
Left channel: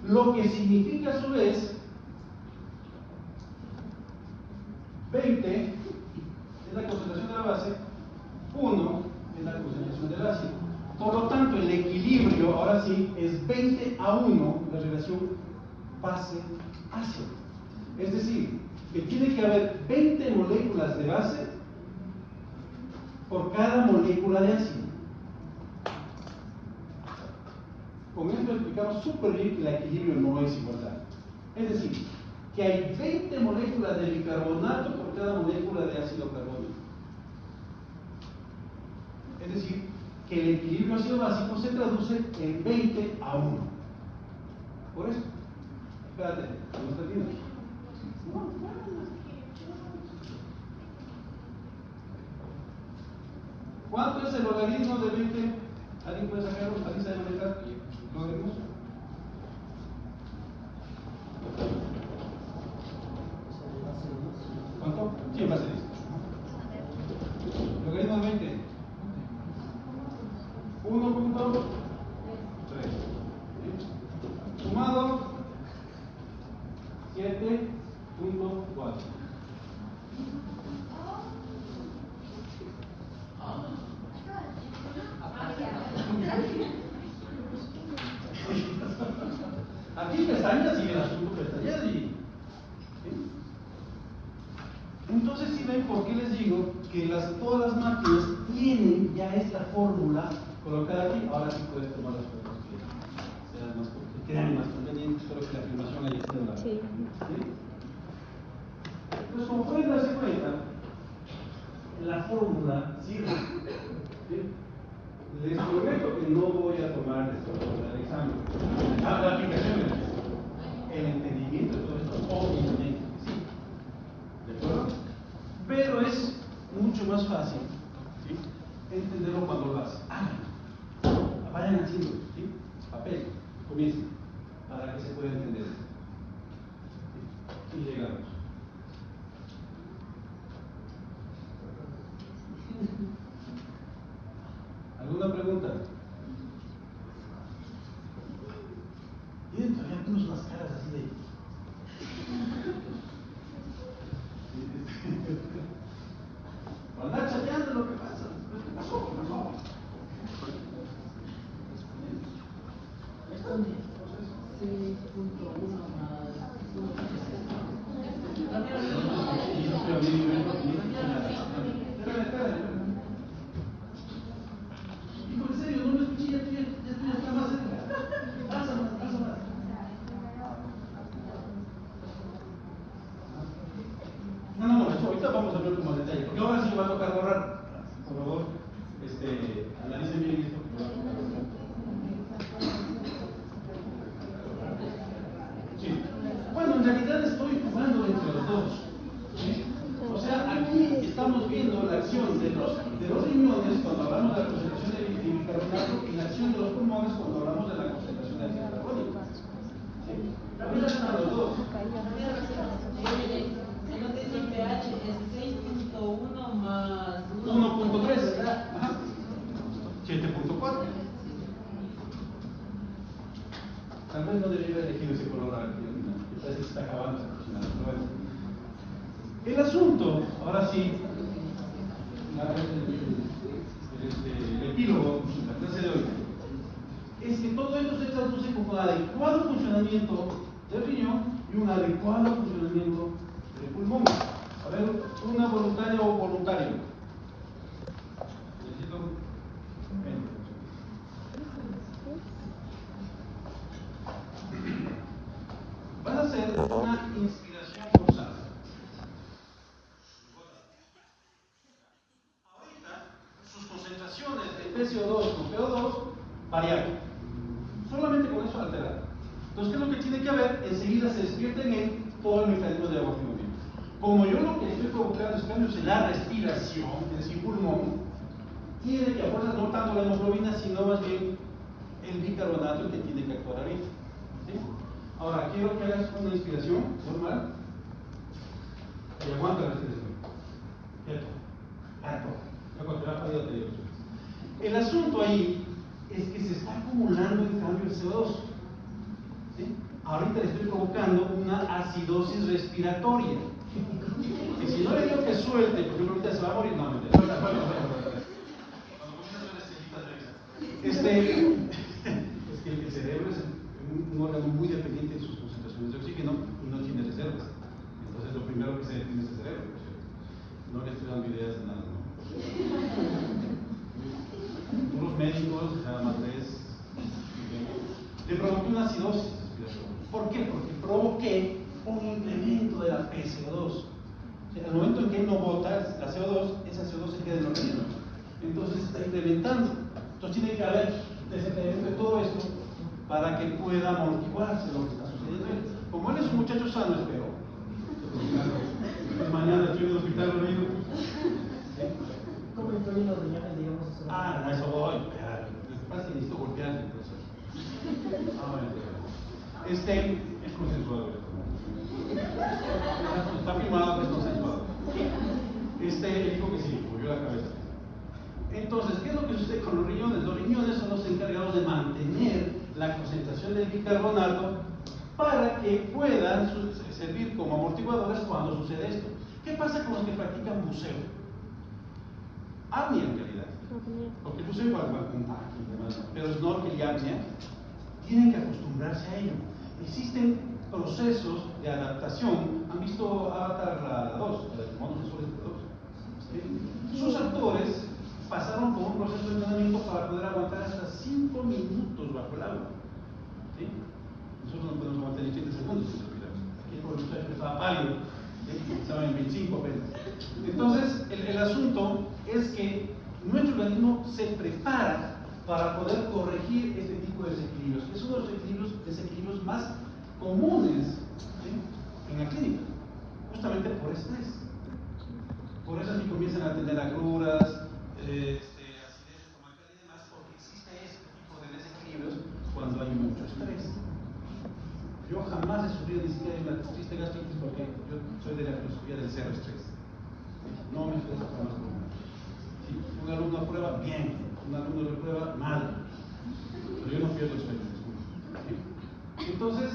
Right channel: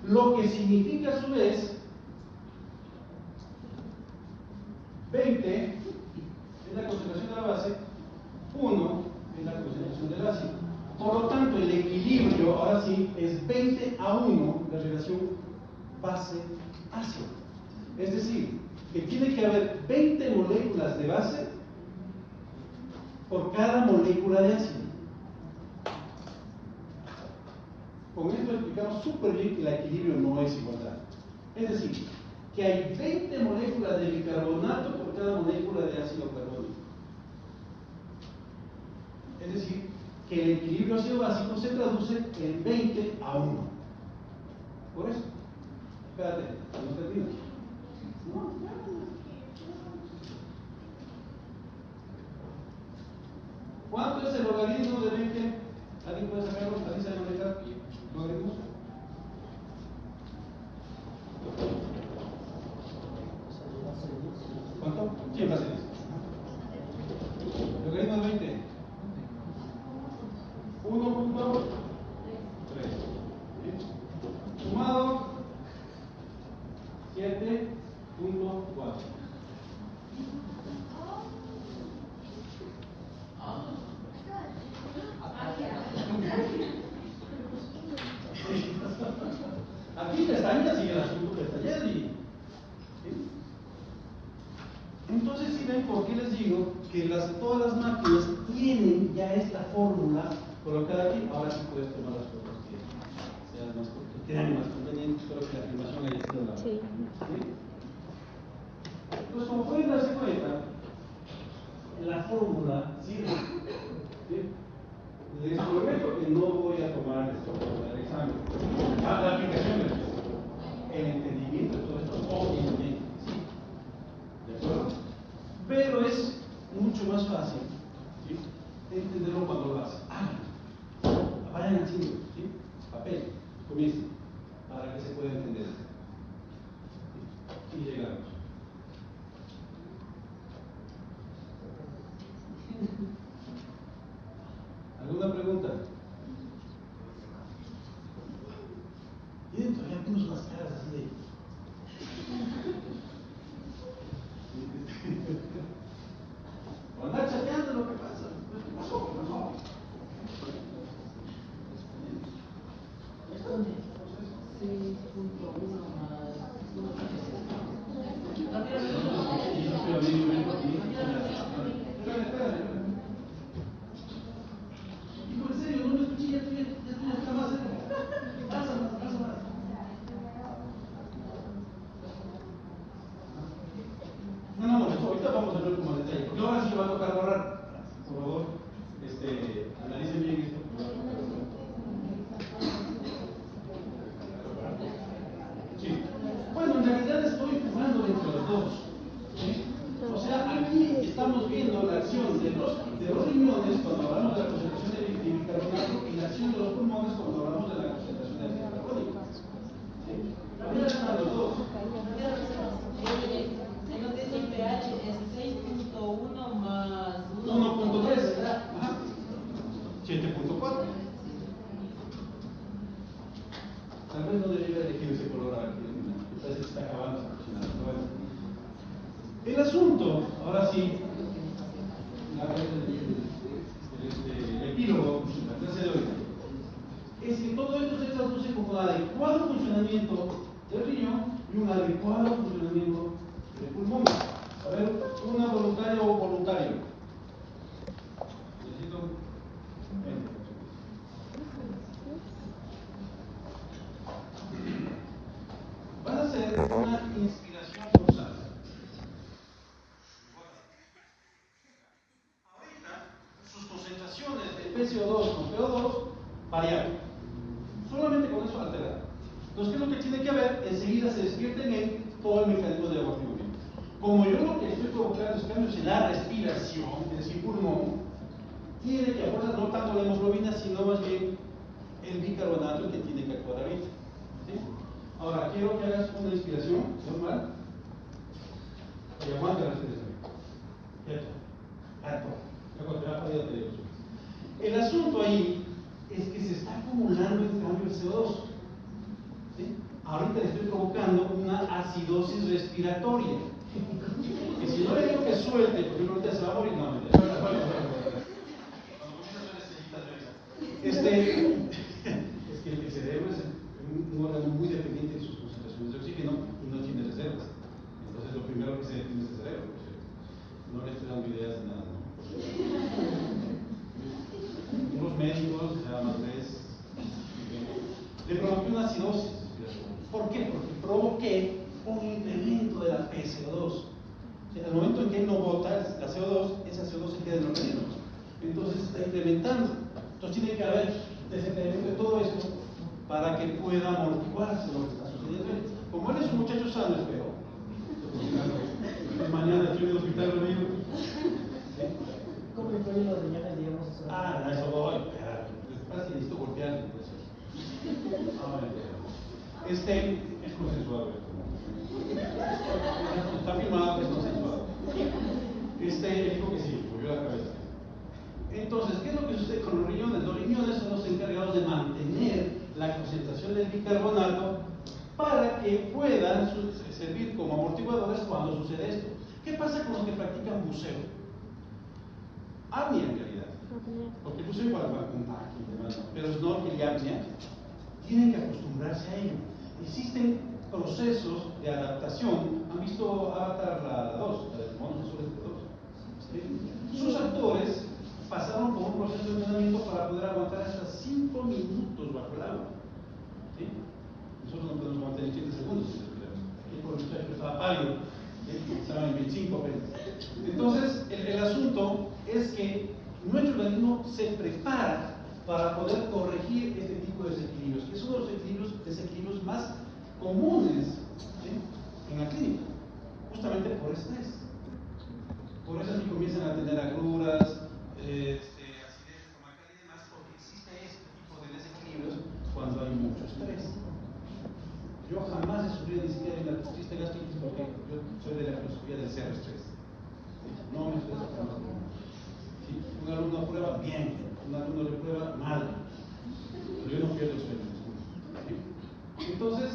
Lo que significa a su vez 20 es la concentración de la base, 1 es la concentración del ácido. Por lo tanto, el equilibrio, ahora sí, es 20 a 1 la relación base-ácido. Es decir, que tiene que haber 20 moléculas de base por cada molécula de ácido. Con esto explicamos súper bien que el equilibrio no es igualdad. Es decir, que hay 20 moléculas de bicarbonato por cada molécula de ácido carbónico. Es decir, que el equilibrio ácido básico se traduce en 20 a 1. Por eso, espérate, no termino. ¿Cuánto es el logaritmo de 20? ¿Alguien puede sacarlo? ¿Alguien sabe manejar logaritmos? ¿Cuánto? 100 base 10. Logaritmo de 20. 1.2 todas las máquinas tienen ya esta fórmula colocada aquí. Ahora sí puedes tomar las fotos que sean más, que crean más convenientes. Espero que la filmación haya sido la. Sí. Entonces, como pueden darse cuenta, la fórmula sirve. ¿Sí? Les prometo que no voy a tomar esto para el examen. La aplicación, el entendimiento de todo esto, obviamente, sí. ¿De acuerdo? Pero es mucho más fácil, ¿sí?, entenderlo cuando lo hacen. Vayan haciendo, ¿sí?, papel, comiencen, para que se pueda entender. Y llegamos. ¿Alguna pregunta? Miren, todavía tenemos unas caras así de. Andar chateando lo que pasa. ¿Qué pasó? No. Esto es 6.1 más 1.7. En serio, no me escuché, ya está más cerca. Pasa más. No, ahorita vamos a ver como detalle. Porque ahora sí me va a tocar borrar. Por favor, analicen bien esto. Sí. Bueno, en realidad estoy jugando entre los dos. ¿Sí? O sea, aquí estamos viendo la acción de los riñones cuando hablamos de la concentración de bicarbonato y la acción de los pulmones cuando hablamos de la concentración de bicarbónico. Ahorita están los dos. El pH es 6.1 más 1.3, ¿verdad? Ajá. 7.4. Tal vez no debería elegir ese color aquí, me parece que está acabando esa aproximadamente. Bueno. El asunto, ahora sí, el epílogo, la clase de hoy, es que todo esto se traduce como un adecuado funcionamiento del riñón y un adecuado funcionamiento del pulmón. A ver, una voluntaria o voluntario. Necesito. Van a hacer una inspiración forzada. Ahorita, sus concentraciones de PCO2 con PO2 variaron. Solamente con eso alterar. Entonces, ¿qué es lo que tiene que haber? Enseguida se despierta en él todo el mecanismo de amortiguamiento. Como yo lo que estoy provocando es cambios en la respiración, es decir, pulmón, tiene que aportar no tanto la hemoglobina, sino más bien el bicarbonato el que tiene que actuar ahorita. ¿Sí? Ahora, quiero que hagas una inspiración normal y aguanta la respiración. Quieto. El asunto ahí es que se está acumulando en cambio el CO2. ¿Sí? Ahorita le estoy provocando una acidosis respiratoria. Que si no le digo que suelte, porque ahorita se va a morir, no, es que el cerebro es un órgano muy dependiente de sus concentraciones de oxígeno y no tiene reservas. Entonces lo primero que se detiene es el cerebro. No le estoy dando ideas de nada, ¿no? Unos médicos, nada más le provoqué una acidosis respiratoria. ¿Por qué? Porque provoqué un incremento de la PCO2. O sea, al momento en que él no bota la CO2, esa CO2 se queda en el organismo. Entonces se está incrementando. Entonces tiene que haber desencadenamiento de todo esto para que pueda amortiguarse lo que está sucediendo. Como él es un muchacho sano, espero. Pues mañana estoy en el hospital reunido. ¿Sí? ¿Cómo influyen los riñones, digamos, eso? A eso voy. Lo que pasa es que necesito golpearle por eso. Es consensuado esto. Está firmado que es consensuado. Dijo que sí, movió la cabeza. Entonces, ¿qué es lo que sucede con los riñones? Los riñones son los encargados de mantener la concentración del bicarbonato para que puedan servir como amortiguadores cuando sucede esto. ¿Qué pasa con los que practican buceo? Apnea en realidad. Porque el buceo igual va con demás, pero snorkel y apnea tienen que acostumbrarse a ello. Existen procesos de adaptación. ¿Han visto Avatar la 2? La de monos azules de 2. ¿sí? Sus actores pasaron por un proceso de entrenamiento para poder aguantar hasta 5 minutos bajo el agua. ¿Sí? Nosotros no podemos aguantar ni 30 segundos sin respirar. Aquí el profesor estaba pálido, ¿sí? Estaban en 25 apenas. Entonces, el asunto es que nuestro organismo se prepara para poder corregir este tipo de desequilibrios, que es uno de los desequilibrios más comunes, ¿sí?, en la clínica, justamente por estrés. Por eso es que comienzan a tener agruras, acidez estomacal y demás, porque existe este tipo de desequilibrios cuando hay mucho estrés. Yo jamás he sufrido ni siquiera de una triste gastritis porque yo soy de la filosofía del cero estrés. No me estresa jamás. Si un alumno aprueba, bien. Un alumno reprueba, mal. Pero yo no pierdo el sueño. ¿Sí? Entonces,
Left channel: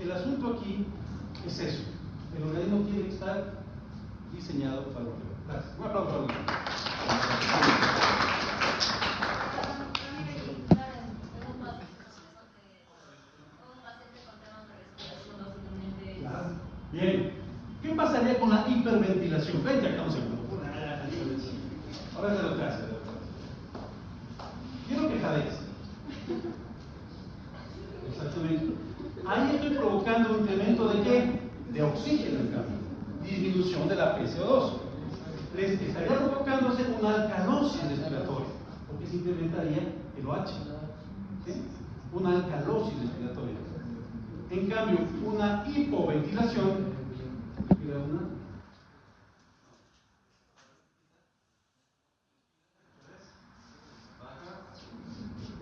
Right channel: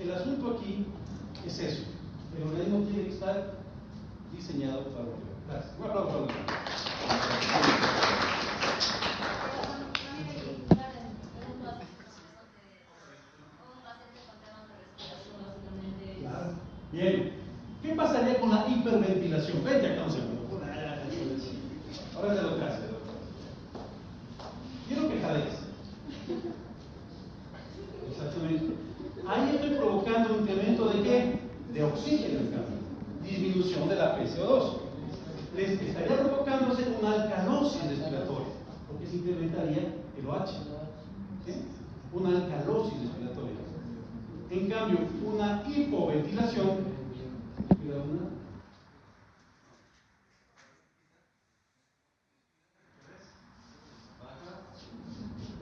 el asunto aquí es eso. El organismo tiene que estar diseñado para lo que va. Gracias. Un aplauso a los Bien. ¿Qué pasaría con la hiperventilación? Vente acá un segundo. Ahora se lo trae. Quiero que jadees. Exactamente. Ahí estoy provocando un incremento de ¿qué? De oxígeno, en cambio. Disminución de la PCO2. Les estaría provocándose una alcalosis respiratoria, porque se incrementaría el OH. ¿Sí? Una alcalosis respiratoria. En cambio, una hipoventilación.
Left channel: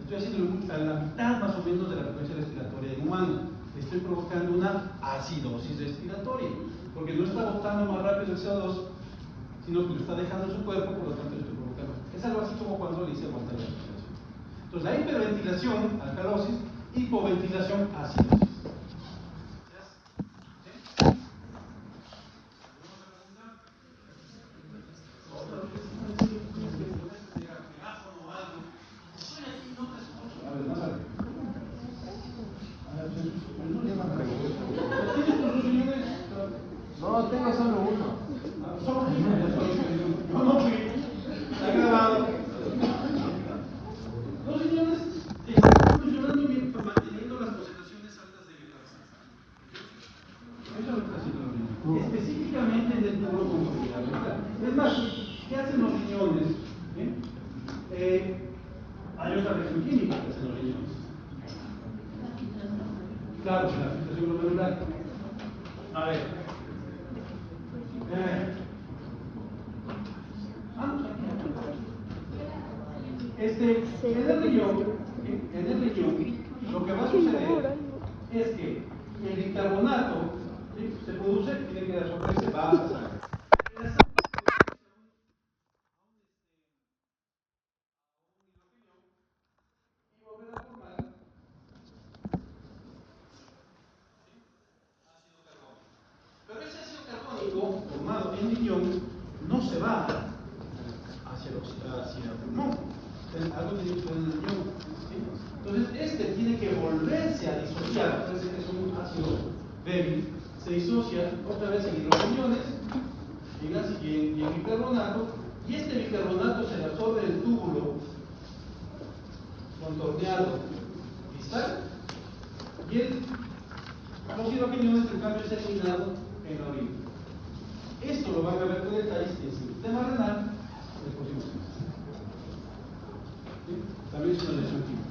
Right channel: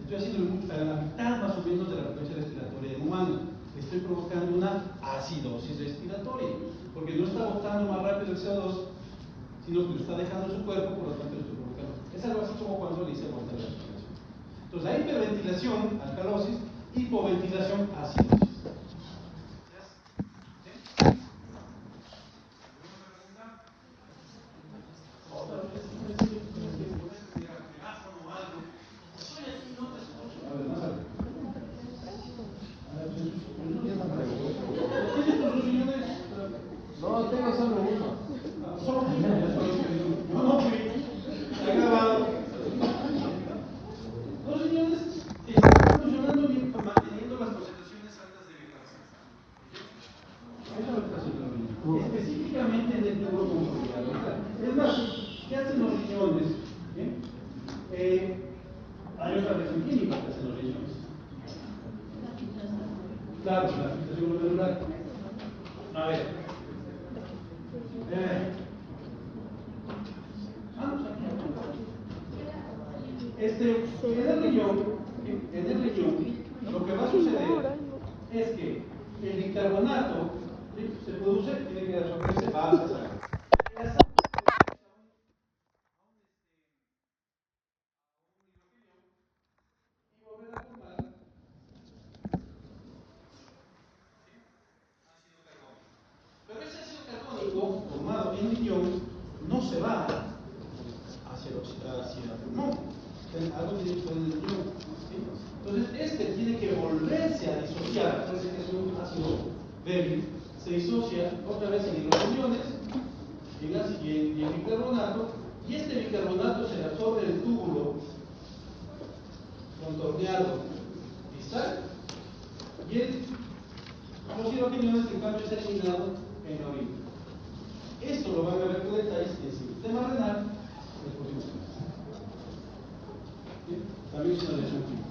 Estoy haciendo a la mitad más o menos de la frecuencia respiratoria del humano. Estoy provocando una acidosis respiratoria, porque no está botando más rápido el CO2, sino que lo está dejando en su cuerpo, por lo tanto lo estoy provocando. Es algo así como cuando le hice aguantar la respiración. Entonces, la hiperventilación, alcalosis, hipoventilación, acidosis. No, tengo solo uno. Yo no fui. Está grabado. Los riñones están funcionando bien, manteniendo las concentraciones altas de bicarbonato. Eso es lo que está haciendo el riñón. Específicamente en el tubo consolidado. Es más, ¿qué hacen los riñones? Hay otra reacción química que hacen los riñones. Claro, la filtración glomerular. A ver. En el riñón, lo que va a suceder es que el bicarbonato, ¿sí?, se produce y tiene que absorberse, va a pasar. Y volver a formar ácido carbónico. Pero ese ácido carbónico formado en riñón no se va hacia el pulmón. Algo tiene que estar en el riñón. ¿Sí? Entonces, tiene que volverse a disociar. Parece que es un ácido débil. Se disocia otra vez en los riñones, y en bicarbonato, y este bicarbonato se absorbe en el túbulo contorneado distal, y el óxido cañones, en cambio, es eliminado en la orina. Esto lo van a ver con detalles en el sistema renal. También es una lesión química.